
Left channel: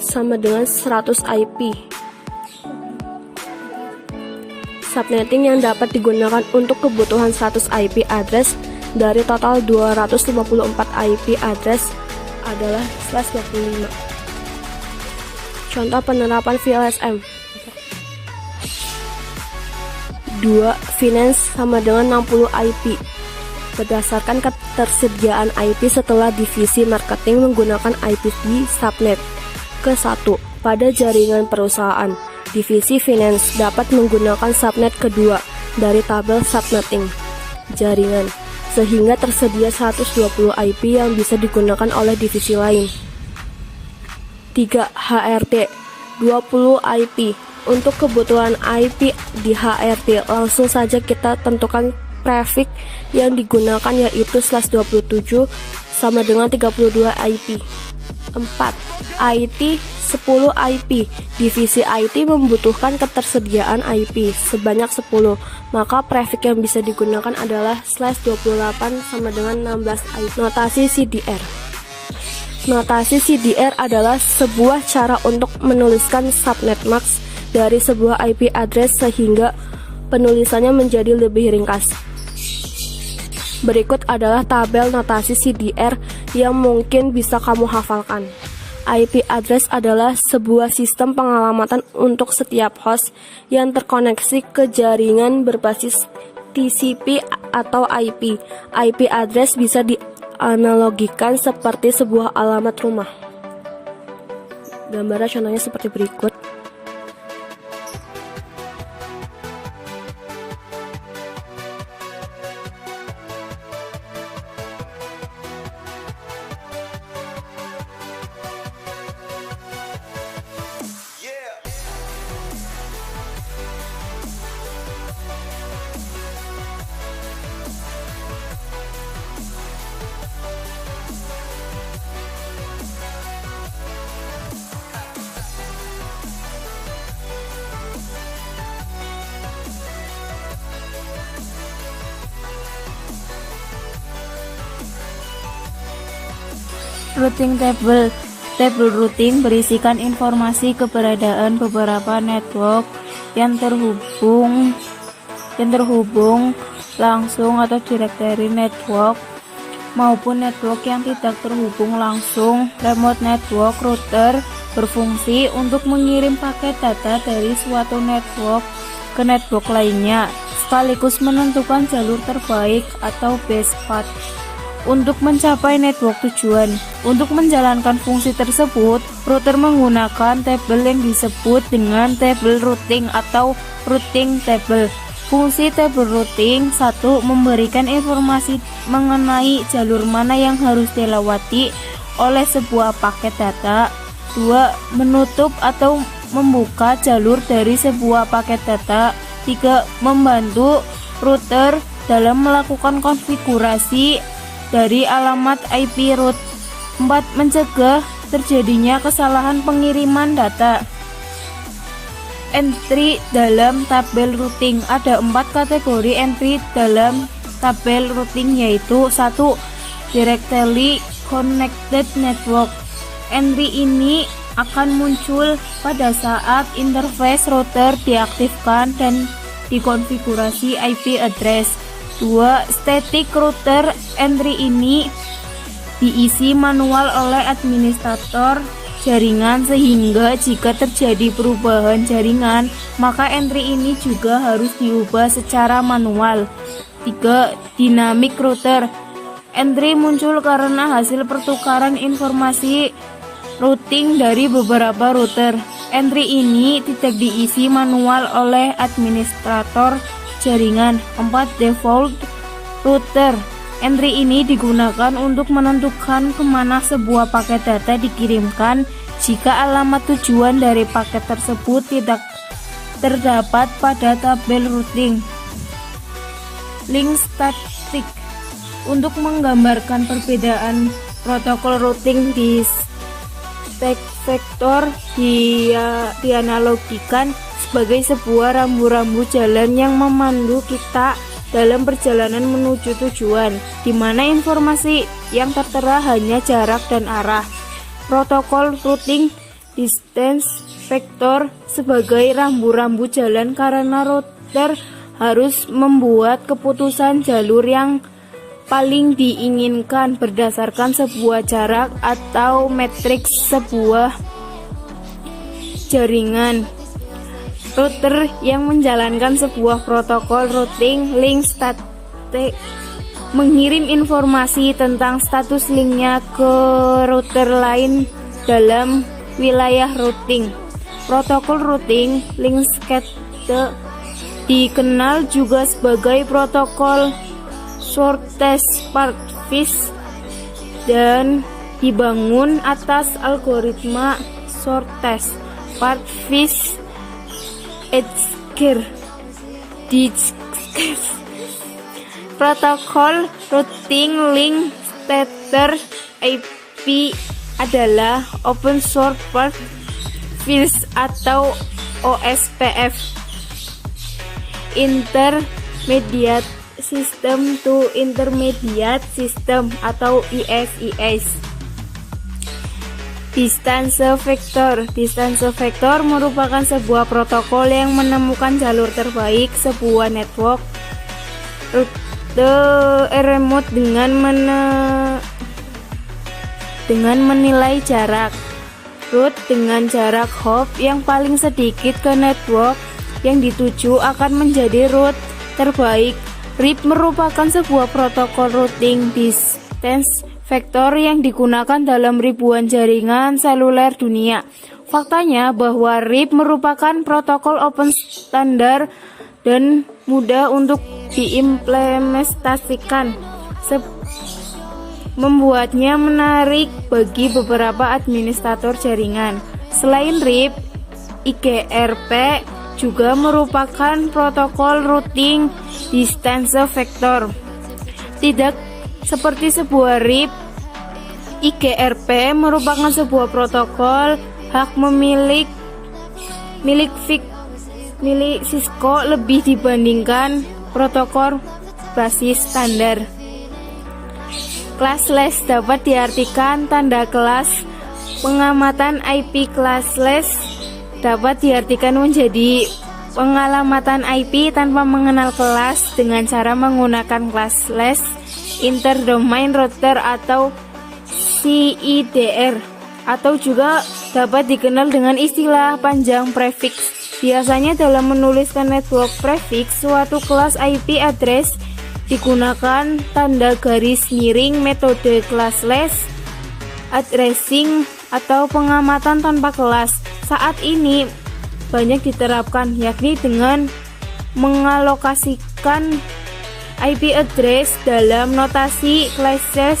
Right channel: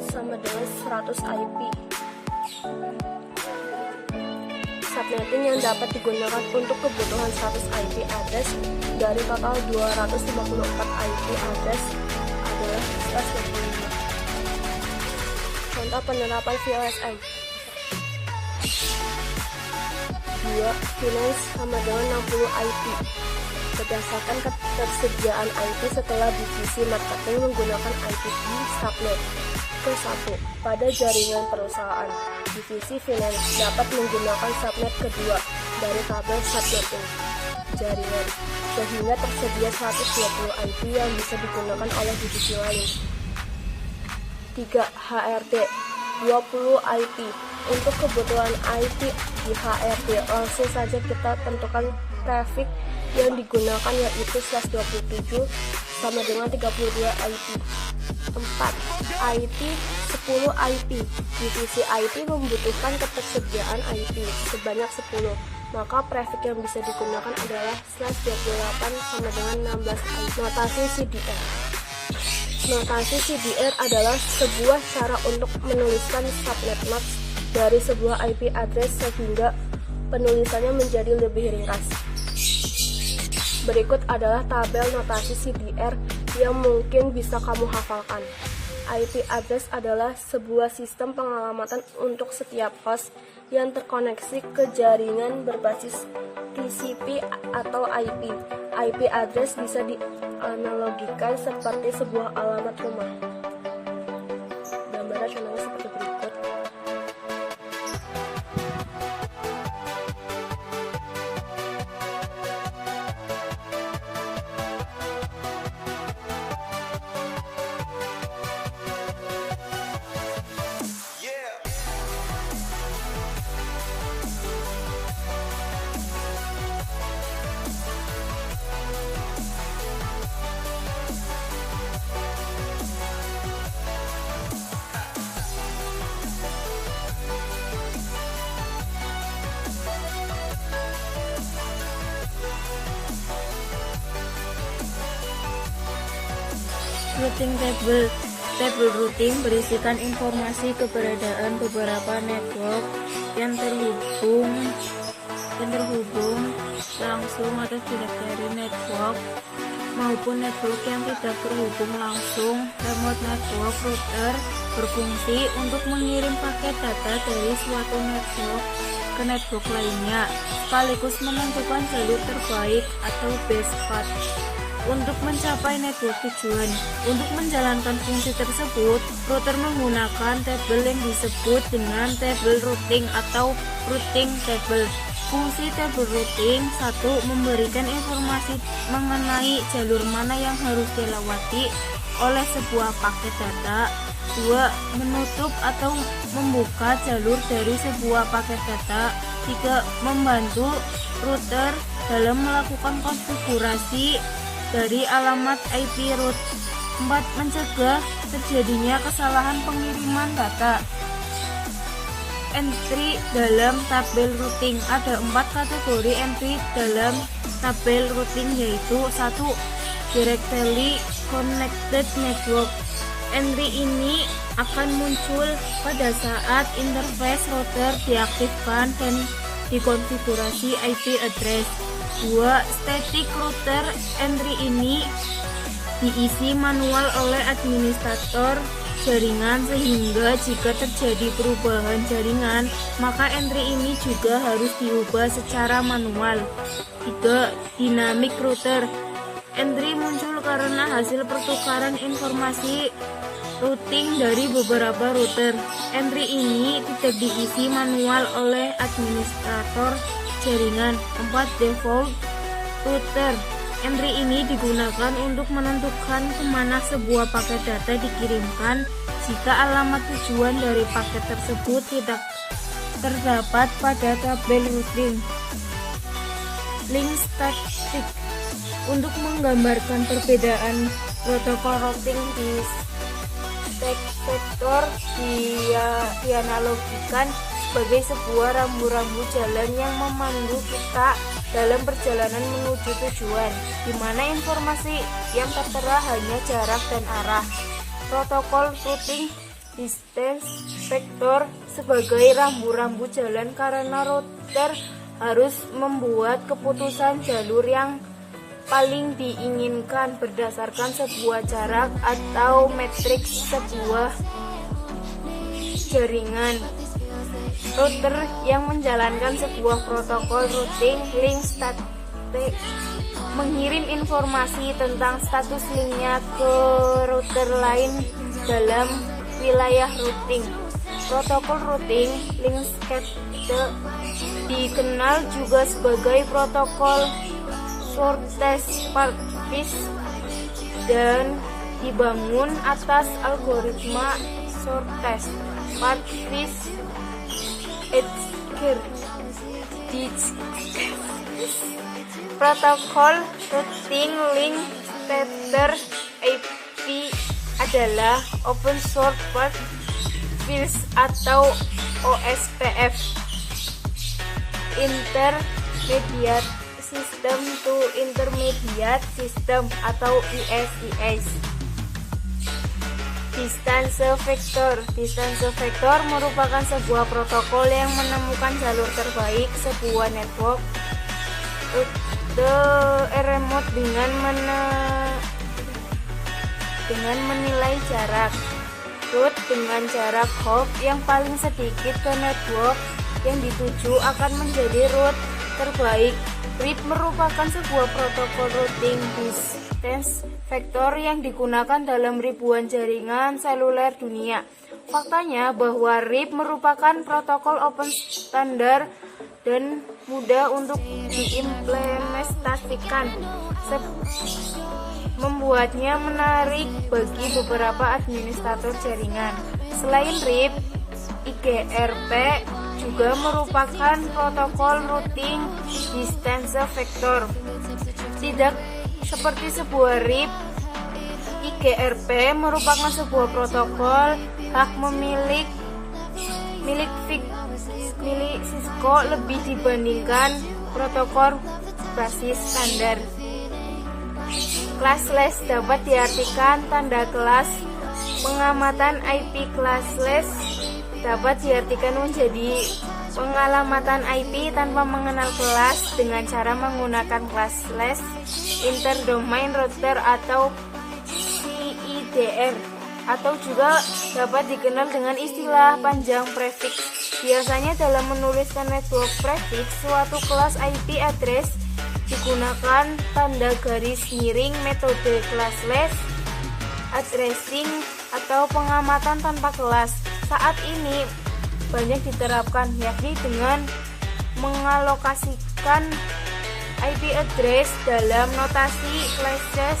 sama dengan 100 IP. Subnetting yang dapat digunakan untuk kebutuhan 100 IP address dari total 254 IP address adalah /25. Contoh penerapan VLSM. 2. Finance sama dengan 60 IP. Berdasarkan ketersediaan IP setelah divisi marketing menggunakan IPv subnet. Ke-1. Pada jaringan perusahaan, divisi finance dapat menggunakan subnet kedua dari tabel subnetting jaringan, sehingga tersedia 120 IP yang bisa digunakan oleh divisi lain. 3. HRD 20 IP. Untuk kebutuhan IP di HRD, langsung saja kita tentukan prefix yang digunakan, yaitu /27 sama dengan 32 IP. 4. IT 10 IP. Divisi IT membutuhkan ketersediaan IP sebanyak 10, maka prefix yang bisa digunakan adalah /28 sama dengan 16 IP. Notasi CDR. Notasi CDR adalah sebuah cara untuk menuliskan subnet max dari sebuah IP address sehingga penulisannya menjadi lebih ringkas. Berikut adalah tabel notasi CDR yang mungkin bisa kamu hafalkan. IP address adalah sebuah sistem pengalamatan untuk setiap host yang terkoneksi ke jaringan berbasis TCP atau IP. IP address bisa dianalogikan seperti sebuah alamat rumah. Gambarnya contohnya seperti berikut. Routing table. Tabel routing berisikan informasi keberadaan beberapa network yang terhubung langsung atau directory network maupun network yang tidak terhubung langsung. Remote network router berfungsi untuk mengirim paket data dari suatu network ke network lainnya, sekaligus menentukan jalur terbaik atau best path untuk mencapai network tujuan. Untuk menjalankan fungsi tersebut, router menggunakan tabel yang disebut dengan table routing atau routing table. Fungsi table routing 1. Memberikan informasi mengenai jalur mana yang harus dilewati oleh sebuah paket data. 2. Menutup atau membuka jalur dari sebuah paket data. 3. Membantu router dalam melakukan konfigurasi dari alamat IP route. 4. Mencegah terjadinya kesalahan pengiriman data. Entry dalam tabel routing. Ada 4 kategori entry dalam tabel routing, yaitu 1. Directly connected network. Entry ini akan muncul pada saat interface router diaktifkan dan dikonfigurasi IP address. 2. Static router. Entry ini diisi manual oleh administrator jaringan, sehingga jika terjadi perubahan jaringan, maka entry ini juga harus diubah secara manual. 3. Dynamic router. Entry muncul karena hasil pertukaran informasi routing dari beberapa router. Entry ini tidak diisi manual oleh administrator jaringan. 4. Default router. Entry ini digunakan untuk menentukan kemana sebuah paket data dikirimkan jika alamat tujuan dari paket tersebut tidak terdapat pada tabel routing. Link static. Untuk menggambarkan perbedaan protokol routing di stack vektor dianalogikan sebagai sebuah rambu-rambu jalan yang memandu kita dalam perjalanan menuju tujuan, di mana informasi yang tertera hanya jarak dan arah. Protokol routing distance vektor sebagai rambu-rambu jalan karena router harus membuat keputusan jalur yang paling diinginkan berdasarkan sebuah jarak atau matriks sebuah jaringan. Router yang menjalankan sebuah protokol routing link static mengirim informasi tentang status linknya ke router lain dalam wilayah routing. Protokol routing link static dikenal juga sebagai protokol shortest path dan dibangun atas algoritma shortest path Edgekehr. Protokol routing link static IP adalah open source path fields atau OSPF. Intermediate System to Intermediate System atau ISIS. Distance vector. Distance vector merupakan sebuah protokol yang menemukan jalur terbaik sebuah network remote dengan menilai jarak route dengan jarak hop yang paling sedikit ke network yang dituju akan menjadi route terbaik. RIP merupakan sebuah protokol routing distance vector yang digunakan dalam ribuan jaringan seluler dunia. Faktanya bahwa RIP merupakan protokol open standar dan mudah untuk diimplementasikan, membuatnya menarik bagi beberapa administrator jaringan. Selain RIP, IGRP juga merupakan protokol routing distance vector. Tidak seperti sebuah RIP, IGRP merupakan sebuah protokol hak milik Cisco lebih dibandingkan protokol basis standar. Classless dapat diartikan tanda kelas. Pengamatan IP classless dapat diartikan menjadi pengalamatan IP tanpa mengenal kelas dengan cara menggunakan classless interdomain router atau CIDR, atau juga dapat dikenal dengan istilah panjang prefix Biasanya dalam menuliskan network prefix suatu kelas IP address digunakan tanda garis miring metode classless addressing atau pengamatan tanpa kelas. Saat ini banyak diterapkan, yakni dengan mengalokasikan IP address dalam notasi classless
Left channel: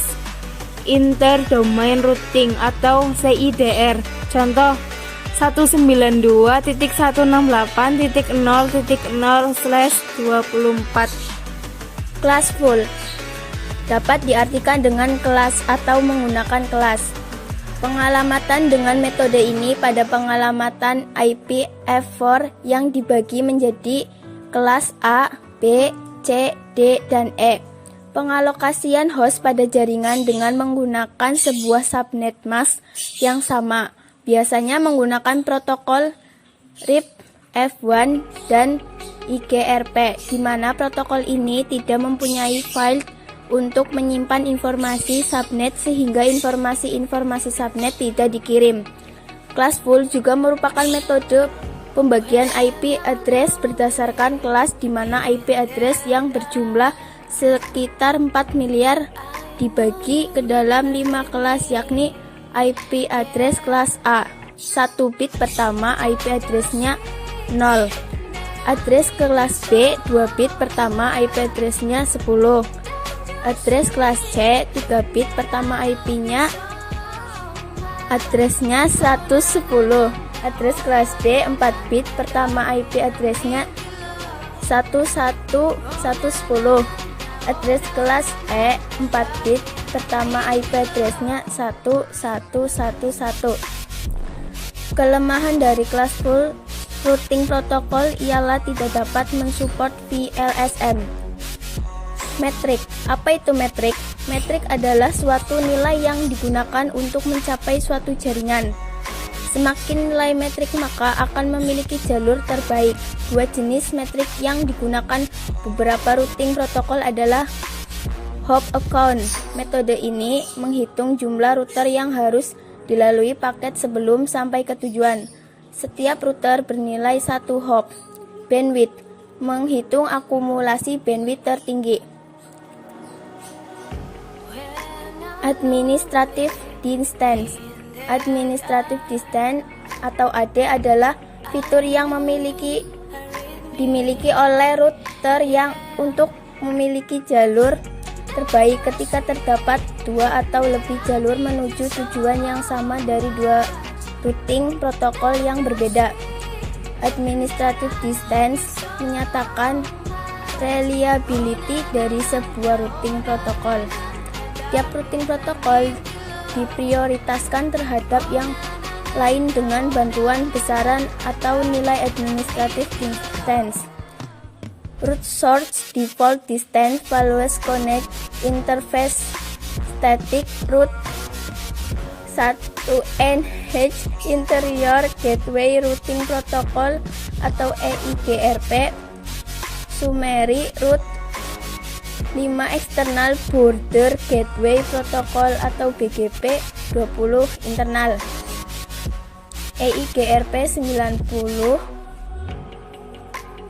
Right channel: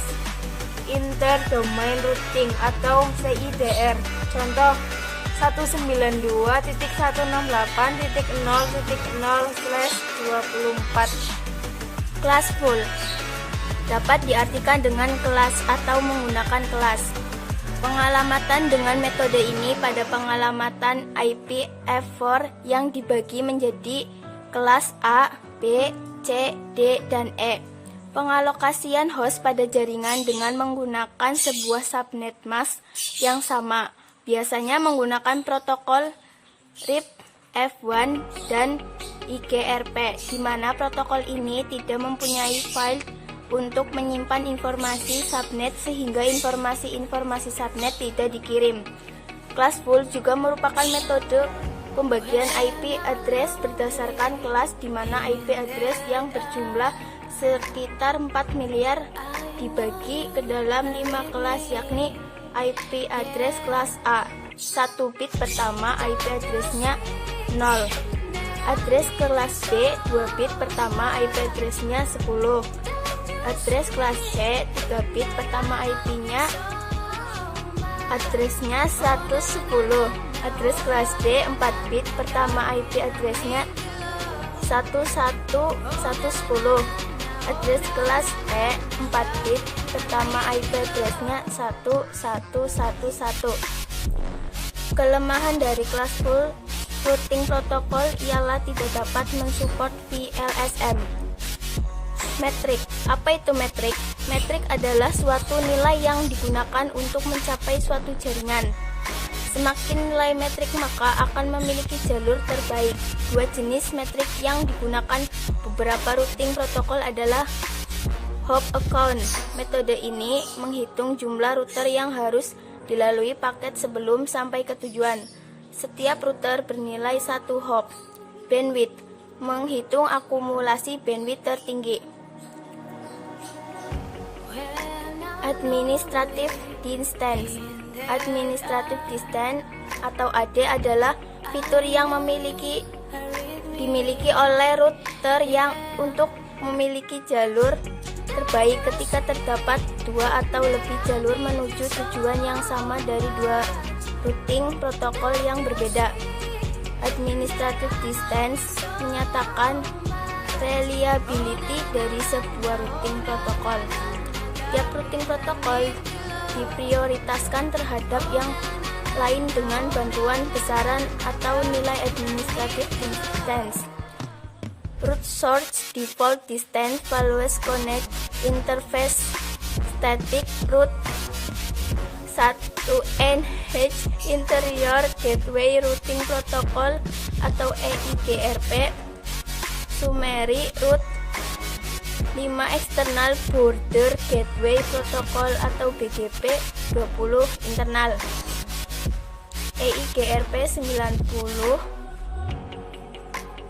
interdomain routing atau CIDR. Contoh 192.168.0.0/24. Classful dapat diartikan dengan kelas atau menggunakan kelas. Pengalamatan dengan metode ini pada pengalamatan IP F4 yang dibagi menjadi kelas A, B, C, D, dan E. Pengalokasian host pada jaringan dengan menggunakan sebuah subnet mask yang sama, biasanya menggunakan protokol RIP F1 dan IGRP, di mana protokol ini tidak mempunyai file untuk menyimpan informasi subnet sehingga informasi-informasi subnet tidak dikirim. Classful juga merupakan metode pembagian IP address berdasarkan kelas, di mana IP address yang berjumlah sekitar 4 miliar dibagi ke dalam 5 kelas, yakni IP address kelas A. 1 bit pertama IP addressnya 0. Address kelas B 2 bit pertama IP addressnya 10. Address kelas C 3 bit pertama IP-nya addressnya 110. Address kelas D 4 bit pertama IP addressnya 11110. Address kelas E 4 bit pertama IP addressnya 1111. Kelemahan dari classful routing protokol ialah tidak dapat mensupport VLSM. Metrik. Apa itu metrik? Metrik adalah suatu nilai yang digunakan untuk mencapai suatu jaringan. Semakin nilai metrik maka akan memiliki jalur terbaik. 2 jenis metrik yang digunakan beberapa routing protokol adalah hop account. Metode ini menghitung jumlah router yang harus dilalui paket sebelum sampai ke tujuan. Setiap router bernilai 1 hop. Bandwidth. Menghitung akumulasi bandwidth tertinggi. Administrative distance. Administrative distance atau AD adalah fitur yang dimiliki oleh router yang untuk memiliki jalur terbaik ketika terdapat 2 atau lebih jalur menuju tujuan yang sama dari 2 routing protokol yang berbeda. Administrative distance menyatakan reliability dari sebuah routing protokol. Tiap routing protokol diprioritaskan terhadap yang lain dengan bantuan besaran atau nilai administrative distance. Root source default distance values connect interface static root 1NH interior gateway routing protocol atau EIGRP, summary root 5 external border gateway protocol atau BGP, 20 internal. EIGRP 90,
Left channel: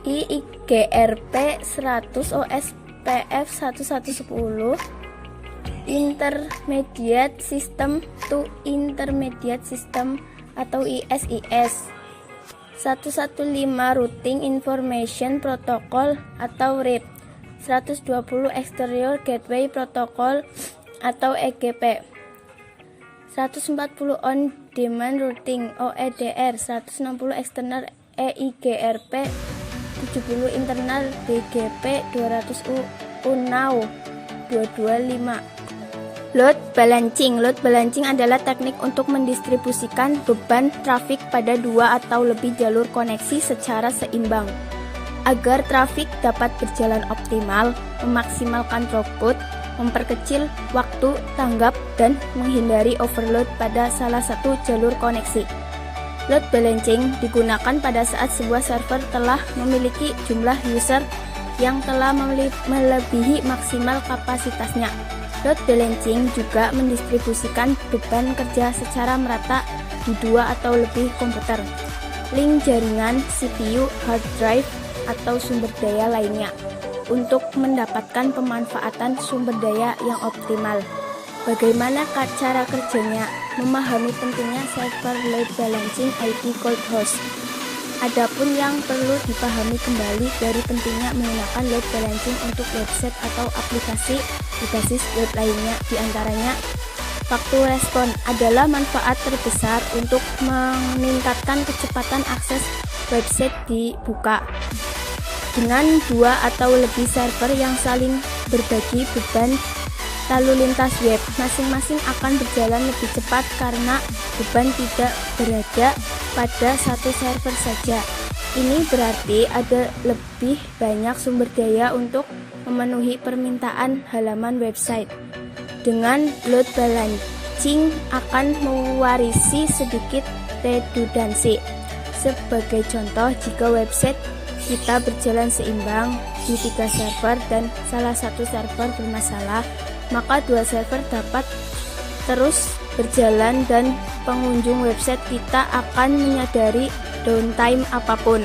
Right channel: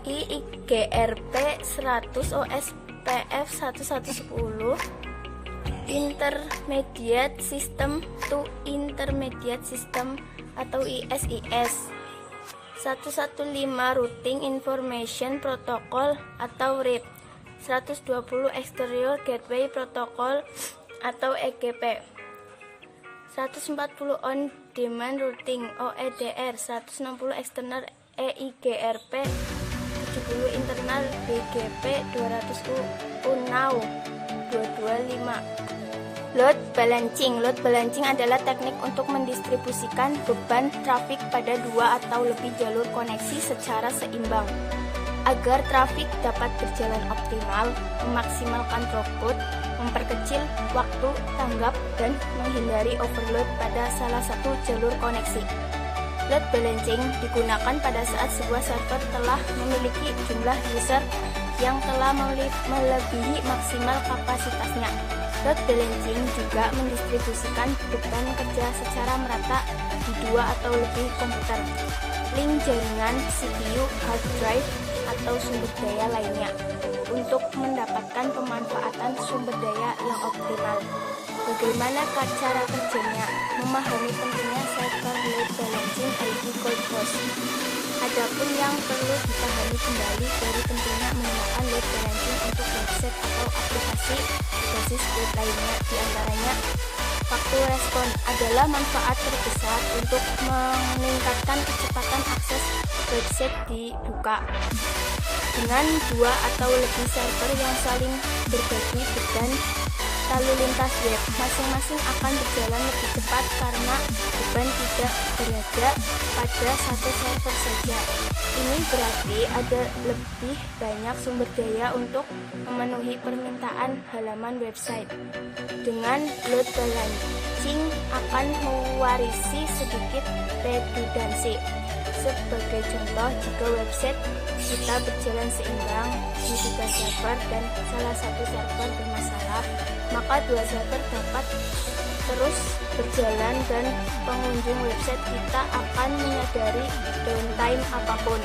IIGRP 100 OSPF 1110, intermediate system to intermediate system atau ISIS, 115 routing information protocol atau RIP, 120 exterior gateway protocol atau EGP, 140 on demand routing OEDR, 160 external EIGRP, 70 internal BGP, 200 UNAW 225. Load balancing. Load balancing adalah teknik untuk mendistribusikan beban trafik pada 2 atau lebih jalur koneksi secara seimbang. Agar trafik dapat berjalan optimal, memaksimalkan throughput, memperkecil waktu tanggap, dan menghindari overload pada salah satu jalur koneksi. Load balancing digunakan pada saat sebuah server telah memiliki jumlah user yang telah melebihi maksimal kapasitasnya. Load balancing juga mendistribusikan beban kerja secara merata di 2 atau lebih komputer. link jaringan, CPU, hard drive, atau sumber daya lainnya untuk mendapatkan pemanfaatan sumber daya yang optimal. Bagaimana cara kerjanya? Memahami pentingnya server load balancing IP cold host. Adapun yang perlu dipahami kembali dari pentingnya menggunakan load balancing untuk website atau aplikasi berbasis web lainnya, diantaranya waktu respon adalah manfaat terbesar untuk meningkatkan kecepatan akses website dibuka. Dengan 2 atau lebih server yang saling berbagi beban lalu lintas web, masing-masing akan berjalan lebih cepat karena beban tidak berada pada satu server saja. Ini berarti ada lebih banyak sumber daya untuk memenuhi permintaan halaman website. Dengan load balancing akan mewarisi sedikit redundansi. Sebagai contoh, jika website kita berjalan seimbang di 3 server dan salah satu server bermasalah, maka 2 server dapat terus berjalan dan pengunjung website kita akan menyadari downtime apapun.